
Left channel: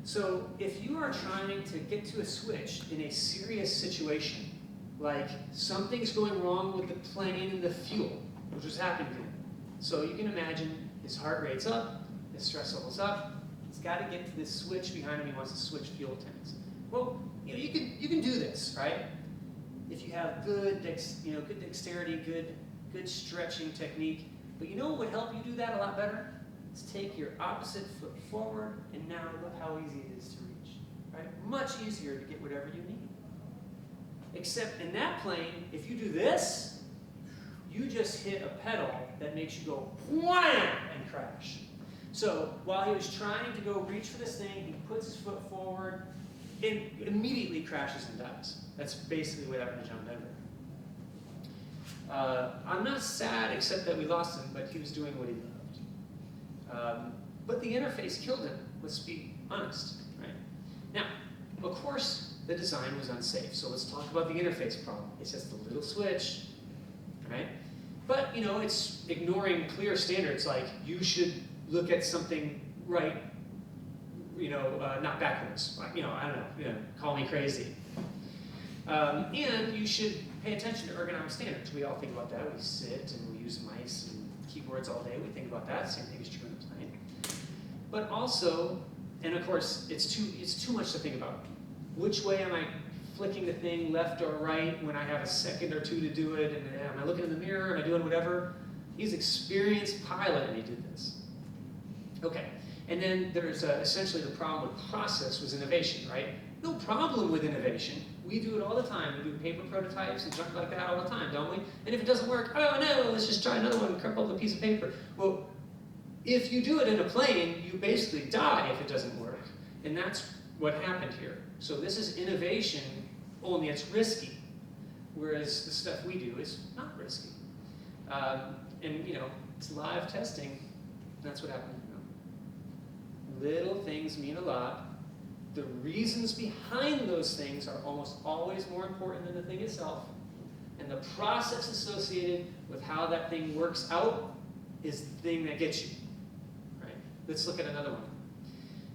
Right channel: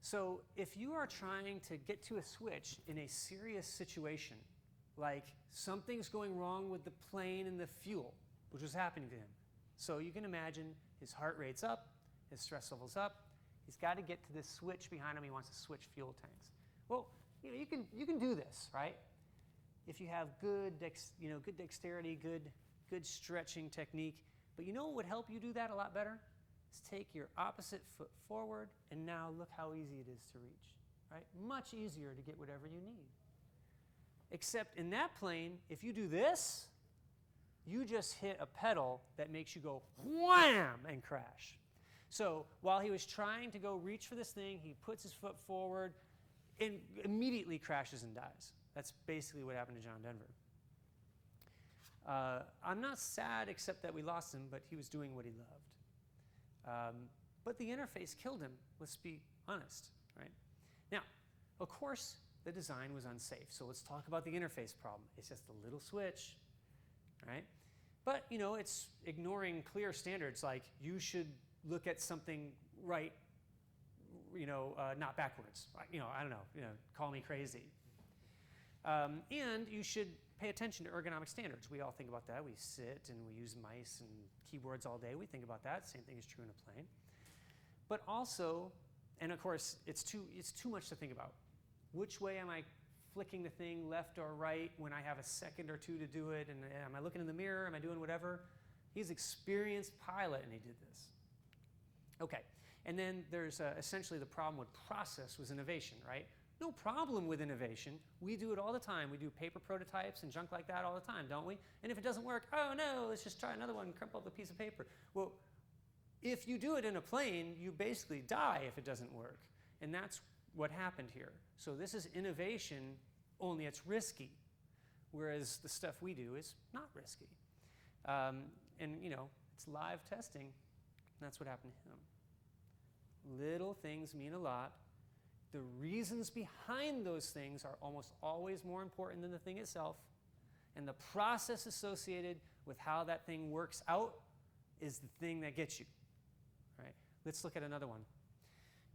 So if you are trying to get to a switch in a serious situation, like something's going wrong with the plane and the fuel, which was happening to him. So you can imagine his heart rate's up, his stress level's up, he's got to get to this switch behind him, he wants to switch fuel tanks. Well, you know, you can do this, right? If you have good dexterity, good stretching technique. But you know what would help you do that a lot better? Is take your opposite foot forward, and now look how easy it is to reach. Right? Much easier to get whatever you need. Except in that plane, if you do this, you just hit a pedal that makes you go wham and crash. So while he was trying to go reach for this thing, he puts his foot forward and immediately crashes and dies. That's basically what happened to John Denver. I'm not sad except that we lost him, but he was doing what he loved. But the interface killed him, let's be honest. Right? Now, of course, the design was unsafe, so let's talk about the interface problem. It's just a little switch, right? But, you know, it's ignoring clear standards like you should look at something right, you know, not backwards. You know, I don't know, call me crazy. And you should pay attention to ergonomic standards. We all think about that. We sit and we use mice and keyboards all day. We think about that. Same thing is true in design. But also, and of course, it's too much to think about. Which way am I flicking the thing, left or right, when I have a second or two to do it? And am I looking in the mirror? Am I doing whatever? He's an experienced pilot, and he did this. Okay, and then there's essentially the problem with process was innovation, right? No problem with innovation. We do it all the time. We do paper prototypes and stuff like that all the time, don't we? And if it doesn't work, oh no, let's just try another one and crumple up a piece of paper. Well, if you do it in a plane, you basically die if it doesn't work. And that's what happened here. So this is innovation, only it's risky. Whereas the stuff we do is not risky. And you know, it's live testing. That's what happened. Little things mean a lot. The reasons behind those things are almost always more important than the thing itself. And the process associated with how that thing works out is the thing that gets you. Right? Let's look at another one.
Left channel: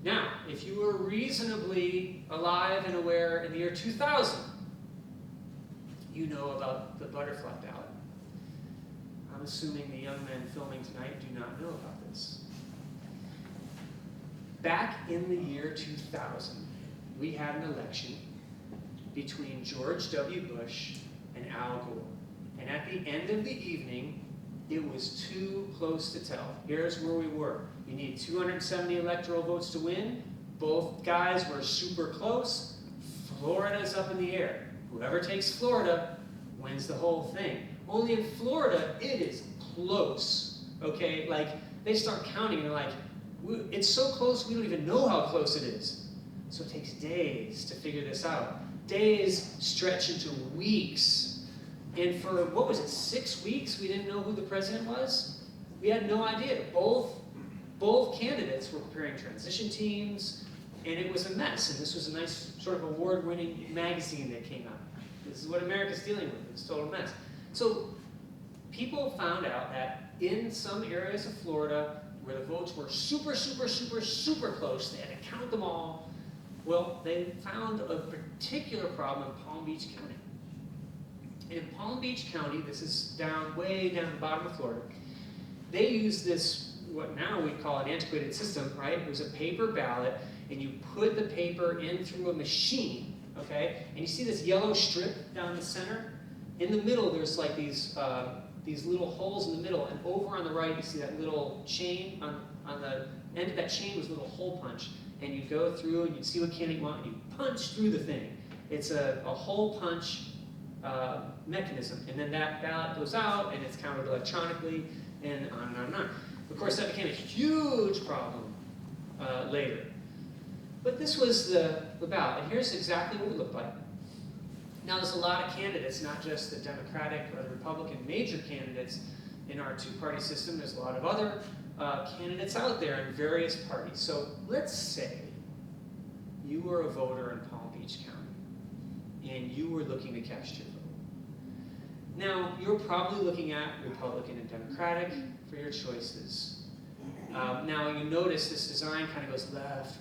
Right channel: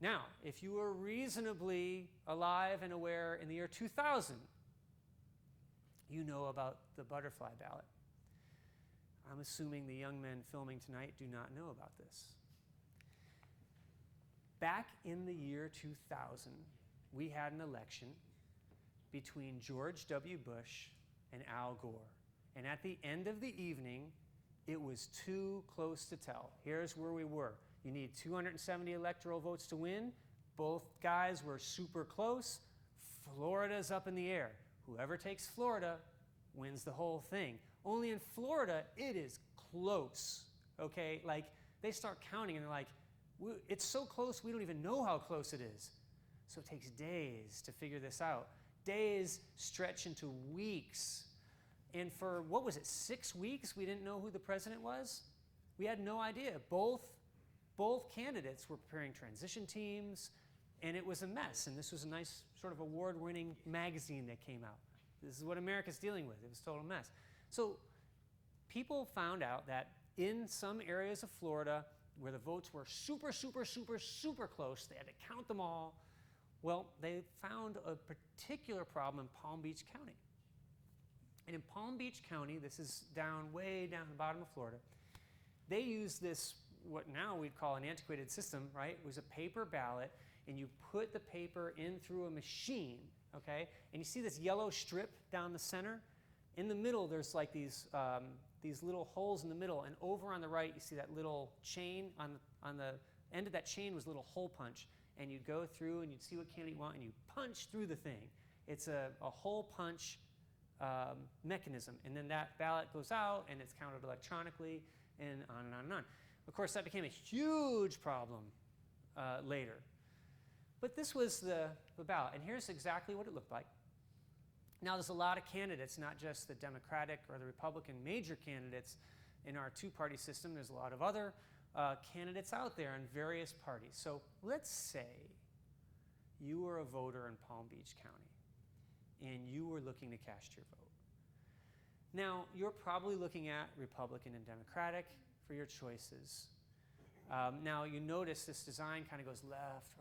Now, if you were reasonably alive and aware in the year 2000, you know about the butterfly ballot. I'm assuming the young men filming tonight do not know about this. Back in the year 2000, we had an election between George W. Bush and Al Gore. And at the end of the evening, it was too close to tell. Here's where we were. You need 270 electoral votes to win. Both guys were super close. Florida's up in the air. Whoever takes Florida wins the whole thing. Only in Florida, it is close. Okay, like they start counting, they're like, it's so close we don't even know how close it is. So it takes days to figure this out. Days stretch into weeks. And for, what was it, 6 weeks, we didn't know who the president was? We had no idea. Both candidates were preparing transition teams, and it was a mess. And this was a nice sort of award-winning magazine that came out. This is what America's dealing with. It's a total mess. So people found out that in some areas of Florida, where the votes were super, super, super, super close, they had to count them all. Well, they found a particular problem in Palm Beach County. In Palm Beach County, this is way down the bottom of Florida, they use this, what now we call an antiquated system, right? It was a paper ballot, and you put the paper in through a machine, okay? And you see this yellow strip down the center? In the middle, there's like these little holes in the middle, and over on the right, you see that little chain. On the end of that chain was a little hole punch, and you go through, and you see what candidate you want, and you punch through the thing. It's a hole punch mechanism, and then that ballot goes out, and it's counted electronically, and on and on and on. Of course, that became a huge problem later. But this was the ballot, and here's exactly what it looked like. Now, there's a lot of candidates, not just the Democratic or the Republican major candidates in our two-party system. There's a lot of other candidates out there in various parties. So let's say you were a voter in Palm Beach County, and you were looking to cast your vote. Now, you're probably looking at Republican and Democratic for your choices. Now, you notice this design kind of goes left,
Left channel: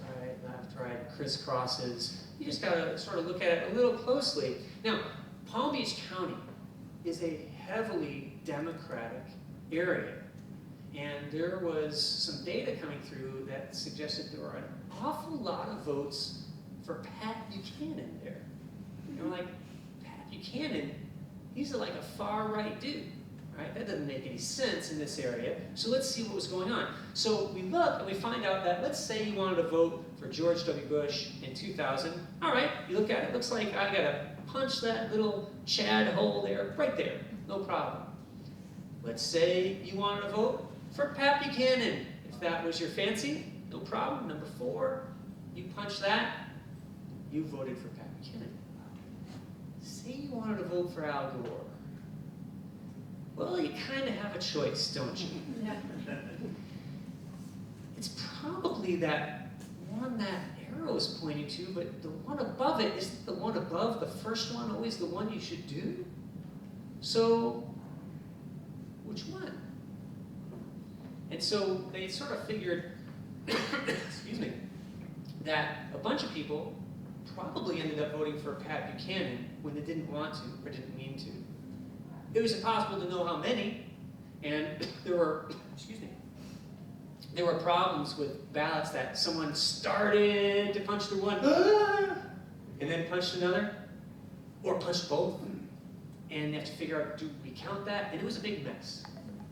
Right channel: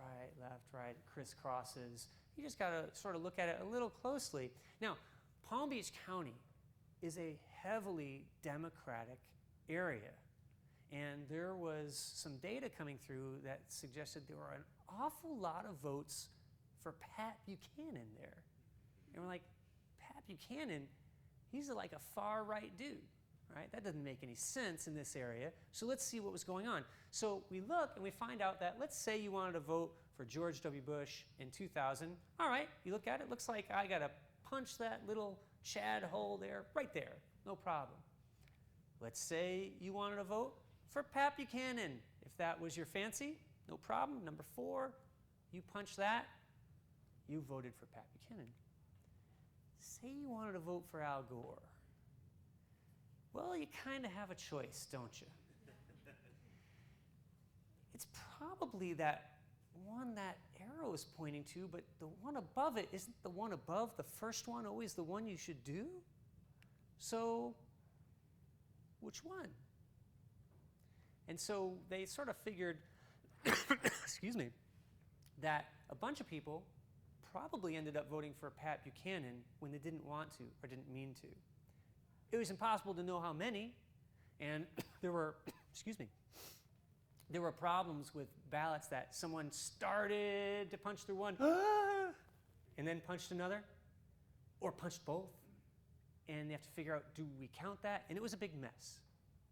right, crisscrosses. You just got to sort of look at it a little closely. Now, Palm Beach County is a heavily Democratic area. And there was some data coming through that suggested there were an awful lot of votes for Pat Buchanan there. And we're like, Pat Buchanan, he's like a far-right dude, right? That doesn't make any sense in this area. So let's see what was going on. So we look and we find out that, let's say you wanted to vote for George W. Bush in 2000. All right, you look at it, looks like I gotta punch that little Chad hole there, right there, no problem. Let's say you wanted to vote for Pat Buchanan. If if that was your fancy, no problem. Number 4, you punch that, you voted for Pat Buchanan. Say you wanted to vote for Al Gore. Well, you kind of have a choice, don't you? Yeah. It's probably that one that arrow is pointing to, but the one above it is the one above the first one always the one you should do? So, which one? And so they sort of figured, excuse me, that a bunch of people probably ended up voting for Pat Buchanan when they didn't want to or didn't mean to. It was impossible to know how many, and there were problems with ballots that someone started to punch the one, and then punched another, or punched both, and you have to figure out, do we count that? And it was a big mess.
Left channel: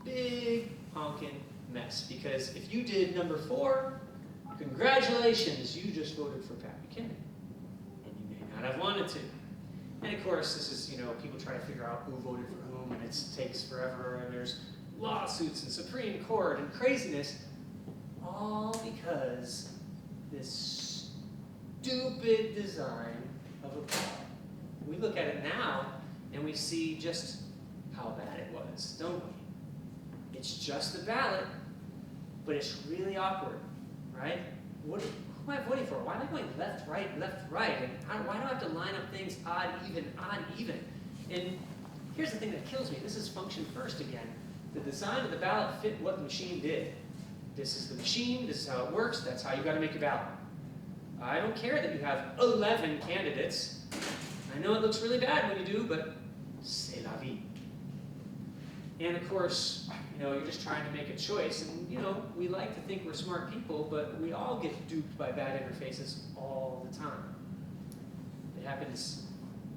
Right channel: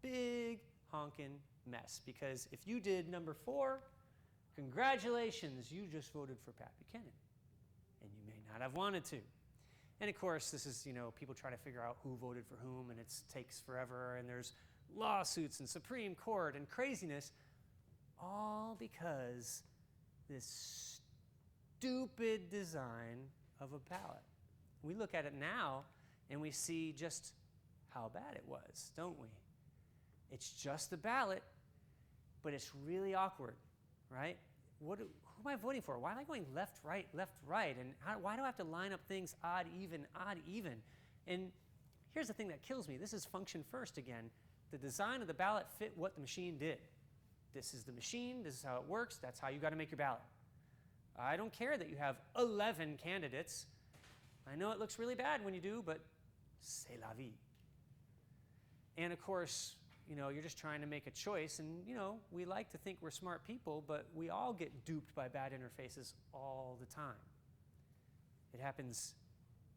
Big honking mess, because if you did number 4, congratulations, you just voted for Pat Buchanan, and you may not have wanted to. And of course, this is, people try to figure out who voted for whom, and it takes forever, and there's lawsuits and Supreme Court and craziness, all because this stupid design of a ballot. We look at it now, and we see just how bad it was, don't we? It's just a ballot, but it's really awkward, right? Who am I voting for? Why am I going left, right? And why do I have to line up things odd, even? And here's the thing that kills me. This is function first again. The design of the ballot fit what the machine did. This is the machine, this is how it works, that's how you got to make a ballot. I don't care that you have 11 candidates. I know it looks really bad when you do, but c'est la vie. And of course, you're just trying to make a choice, and we like to think we're smart people, but we all get duped by bad interfaces all the time. It happens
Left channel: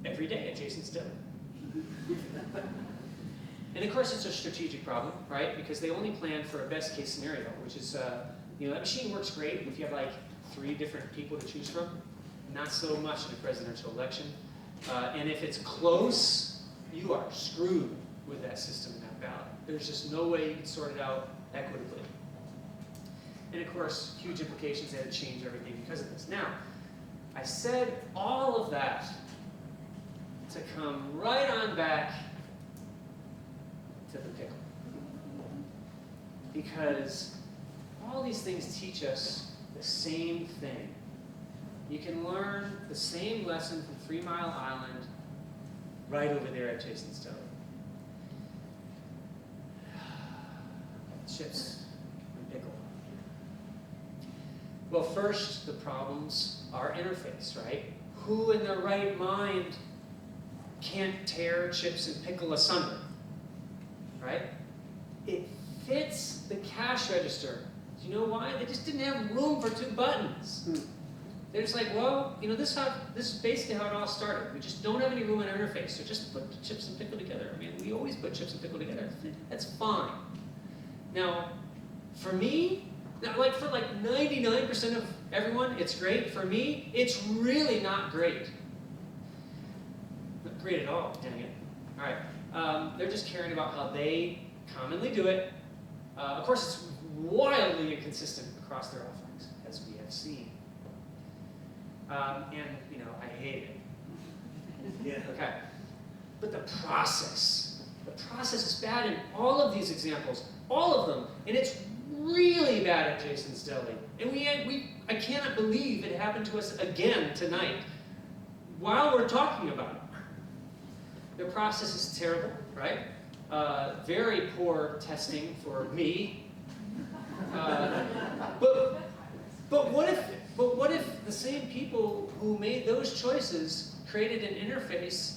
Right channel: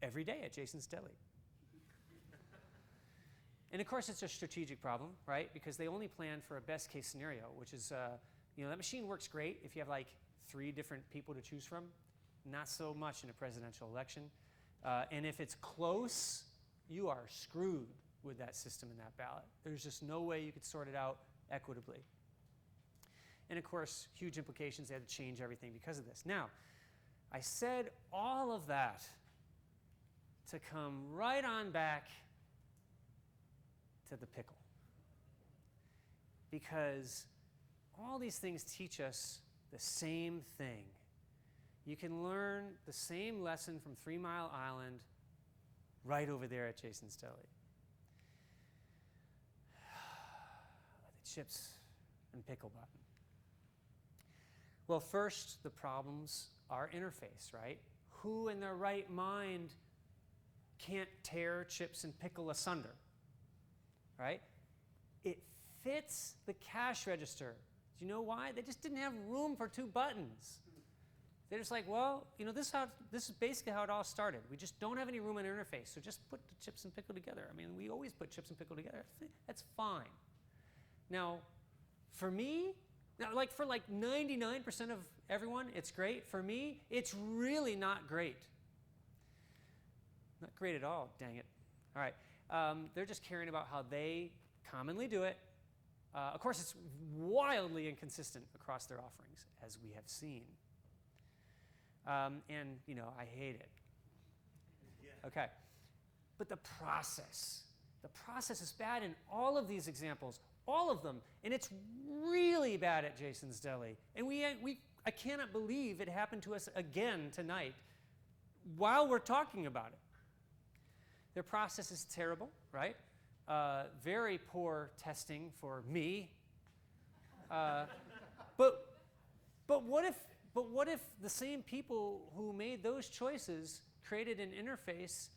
every day at Jason's Study. And of course, it's a strategic problem, right? Because they only plan for a best case scenario, which is, that machine works great if you have like 3 different people to choose from. Not so much in a presidential election. And if it's close, you are screwed with that system and that ballot. There's just no way you can sort it out equitably. And of course, huge implications. They had to change everything because of this. Now, I said all of that to come right on back to the pickle. Because all these things teach us the same thing. You can learn the same lesson from 3 Mile Island right over there at Jason's Study. Chips and pickle. Well, first, the problems are interface, right? Who in their right mind can't tear chips and pickle asunder? Right? It fits the cash register. Do you know why? They just didn't have room for 2 buttons. They're just like, well, this is basically how it all started. We just don't have any room in our interface, so just put chips and pickle together. I mean, we always put chips and pickle together. That's fine. Now, for me, like for 99% of everyone, it's great. For me, it's really not great. Not great at all, dang it. All right. They're just caring about how they commonly do it. Of course, it's wildly inconsistent across their offerings, as we have seen. And, I hate it. Yeah. Okay. But the process is bad in all of these examples, all of them. And it's really bad at Jason's Deli. And I cannot believe it happened to us again tonight while we're talking about it. Their process is terrible, right? Very poor testing for me. But what if the same people who made those choices created an interface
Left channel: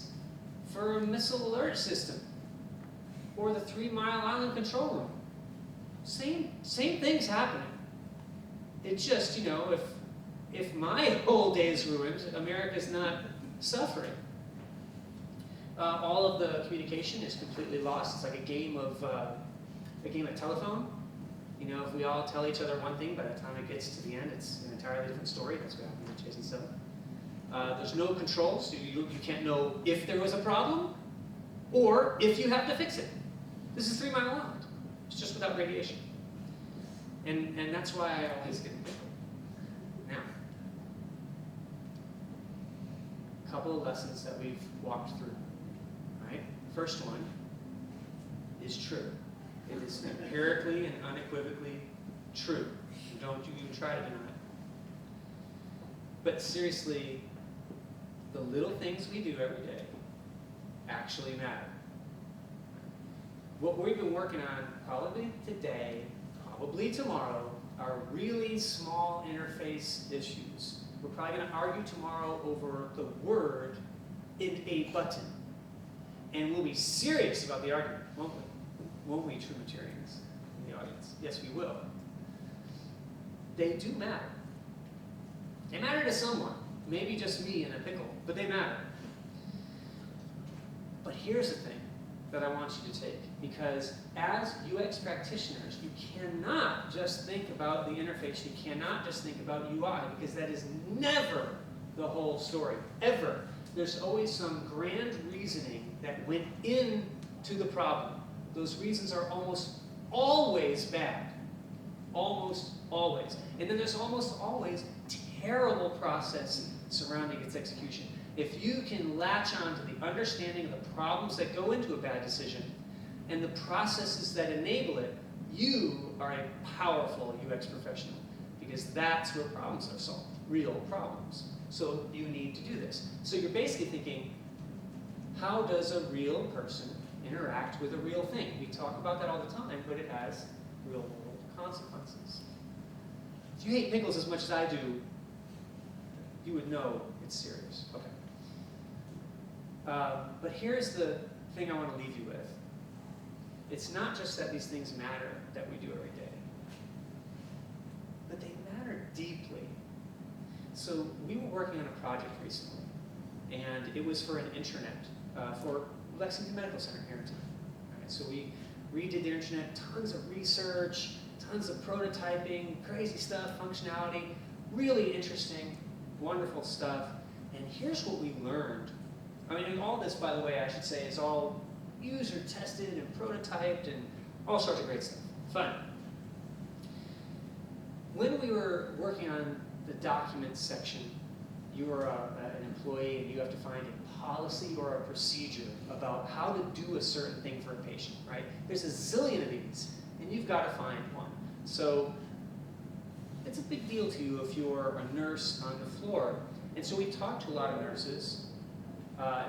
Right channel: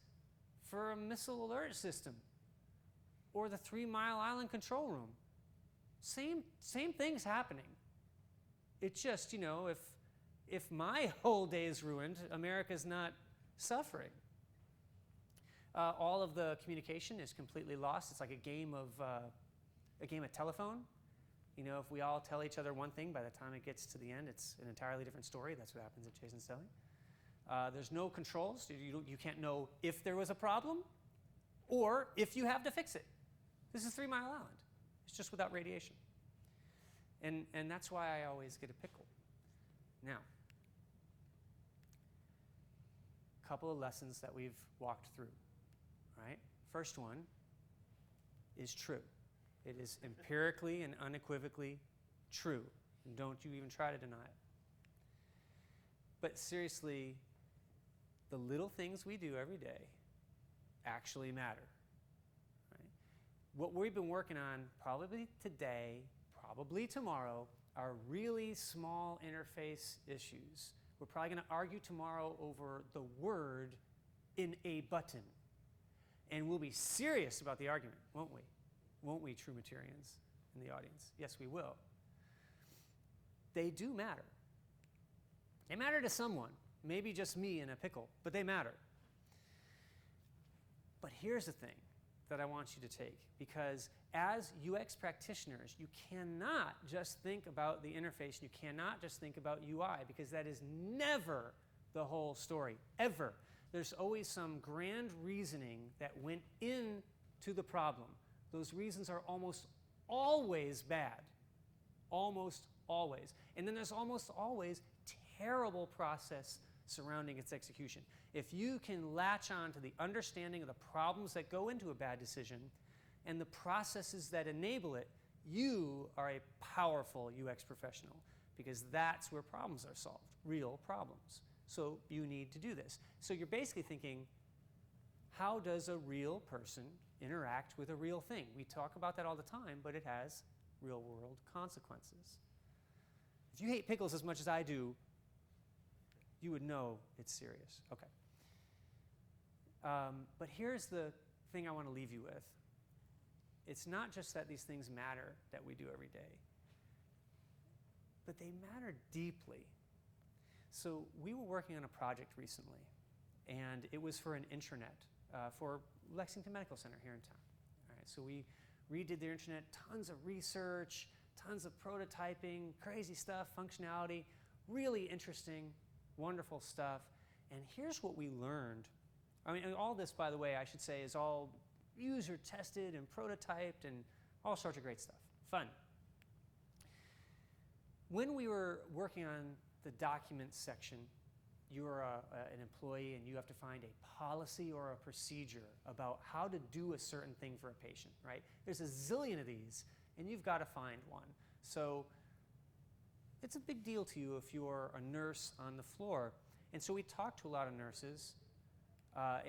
for a missile alert system or the 3 Mile Island control room? Same things happening. It's just, if my whole day is ruined, America's not suffering. All of the communication is completely lost. It's like a game of telephone. If we all tell each other one thing, by the time it gets to the end, it's an entirely different story. That's what happened in Jason 7. There's no controls. So you can't know if there was a problem or if you have to fix it. This is 3 Mile Island. It's just without radiation. And that's why I always get Pickle. Now, a couple of lessons that we've walked through, right? First one is true. It is empirically and unequivocally true. Don't you even try to deny it. But seriously, the little things we do every day actually matter. What we've been working on probably today, probably tomorrow, are really small interface issues. We're probably going to argue tomorrow over the word in a button. And we'll be serious about the argument, won't we? Won't we, Trinitarians in the audience? Yes, we will. They do matter. They matter to someone. Maybe just me and a pickle, but they matter. But here's the thing that I want you to take. Because as UX practitioners, you cannot just think about the interface. You cannot just think about UI, because that is never the whole story, ever. There's always some grand reasoning that went into the problem. Those reasons are almost always bad. Almost always. And then there's almost always terrible process surrounding its execution. If you can latch on to the understanding of the problems that go into a bad decision and the processes that enable it, you are a powerful UX professional, because that's where problems are solved, real problems. So you need to do this. So you're basically thinking, how does a real person interact with a real thing? We talk about that all the time, but it has real world consequences. If you hate pickles as much as I do, you would know it's serious. Okay. But here's the thing I want to leave you with. It's not just that these things matter that we do every day, but they matter deeply. So we were working on a project recently, and it was for an intranet for Lexington Medical Center here in town. All right, so we redid the internet, tons of research, tons of prototyping, crazy stuff, functionality, really interesting, wonderful stuff. And here's what we learned. I mean, all this, by the way, I should say, is all user tested and prototyped and all sorts of great stuff. Fun. When we were working on the documents section, you're an employee and you have to find a policy or a procedure about how to do a certain thing for a patient, right? There's a zillion of these, and you've got to find one. So it's a big deal to you if you're a nurse on the floor. And so we talked to a lot of nurses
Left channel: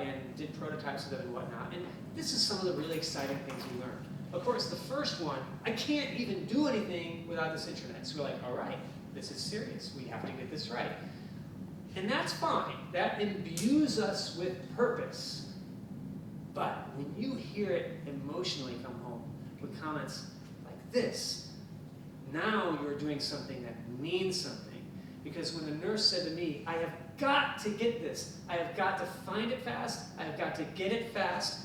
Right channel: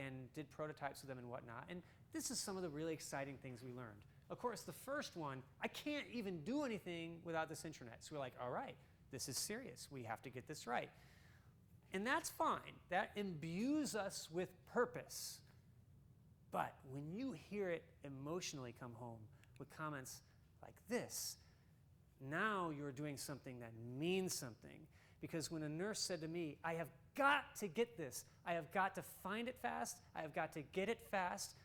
and did prototypes of them and whatnot. And this is some of the really exciting things we learned. Of course, the first one, I can't even do anything without this internet. So we're like, all right, this is serious. We have to get this right. And that's fine. That imbues us with purpose. But when you hear it emotionally come home with comments like this, now you're doing something that means something. Because when a nurse said to me, I have got to get this. I have got to find it fast. I have got to get it fast.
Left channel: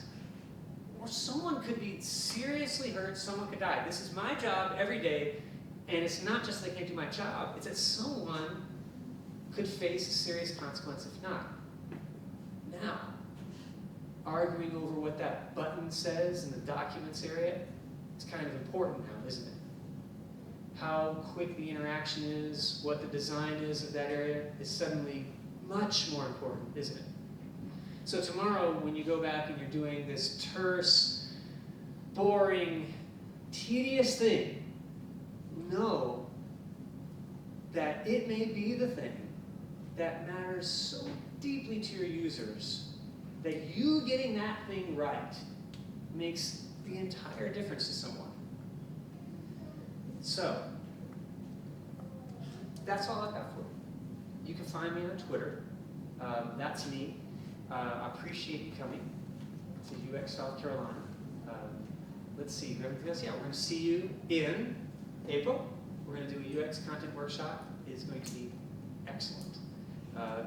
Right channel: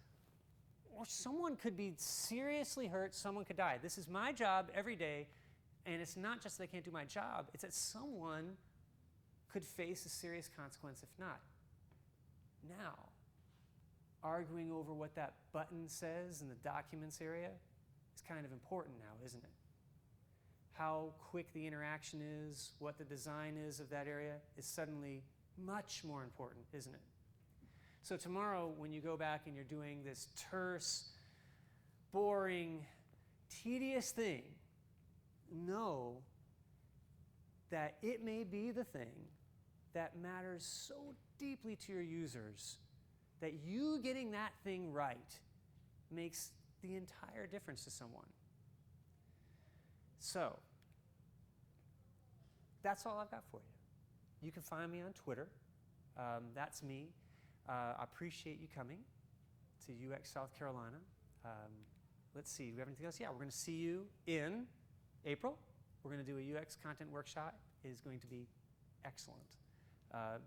Or someone could be seriously hurt. Someone could die. This is my job every day. And it's not just that I can't do my job. It's that someone could face a serious consequence if not. Now, arguing over what that button says in the documents area, it's kind of important now, isn't it? How quick the interaction is, what the design is of that area is suddenly much more important, isn't it? So tomorrow, when you go back and you're doing this terse, boring, tedious thing, know that it may be the thing that matters so deeply to your users that you getting that thing right makes the entire difference to someone. So, that's all I've got for you. You can find me on Twitter. That's me. I appreciate you coming to UX South Carolina. Let's see, because yeah, we're going to see you in April. We're going to do a UX content workshop. It's going to be excellent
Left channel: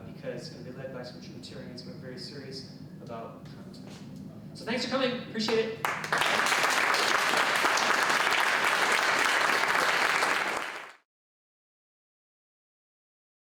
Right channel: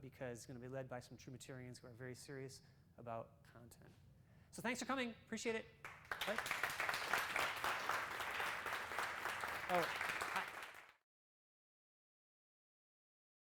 because it's going to be led by some Trinitarians who are very serious about content. So thanks for coming. Appreciate it.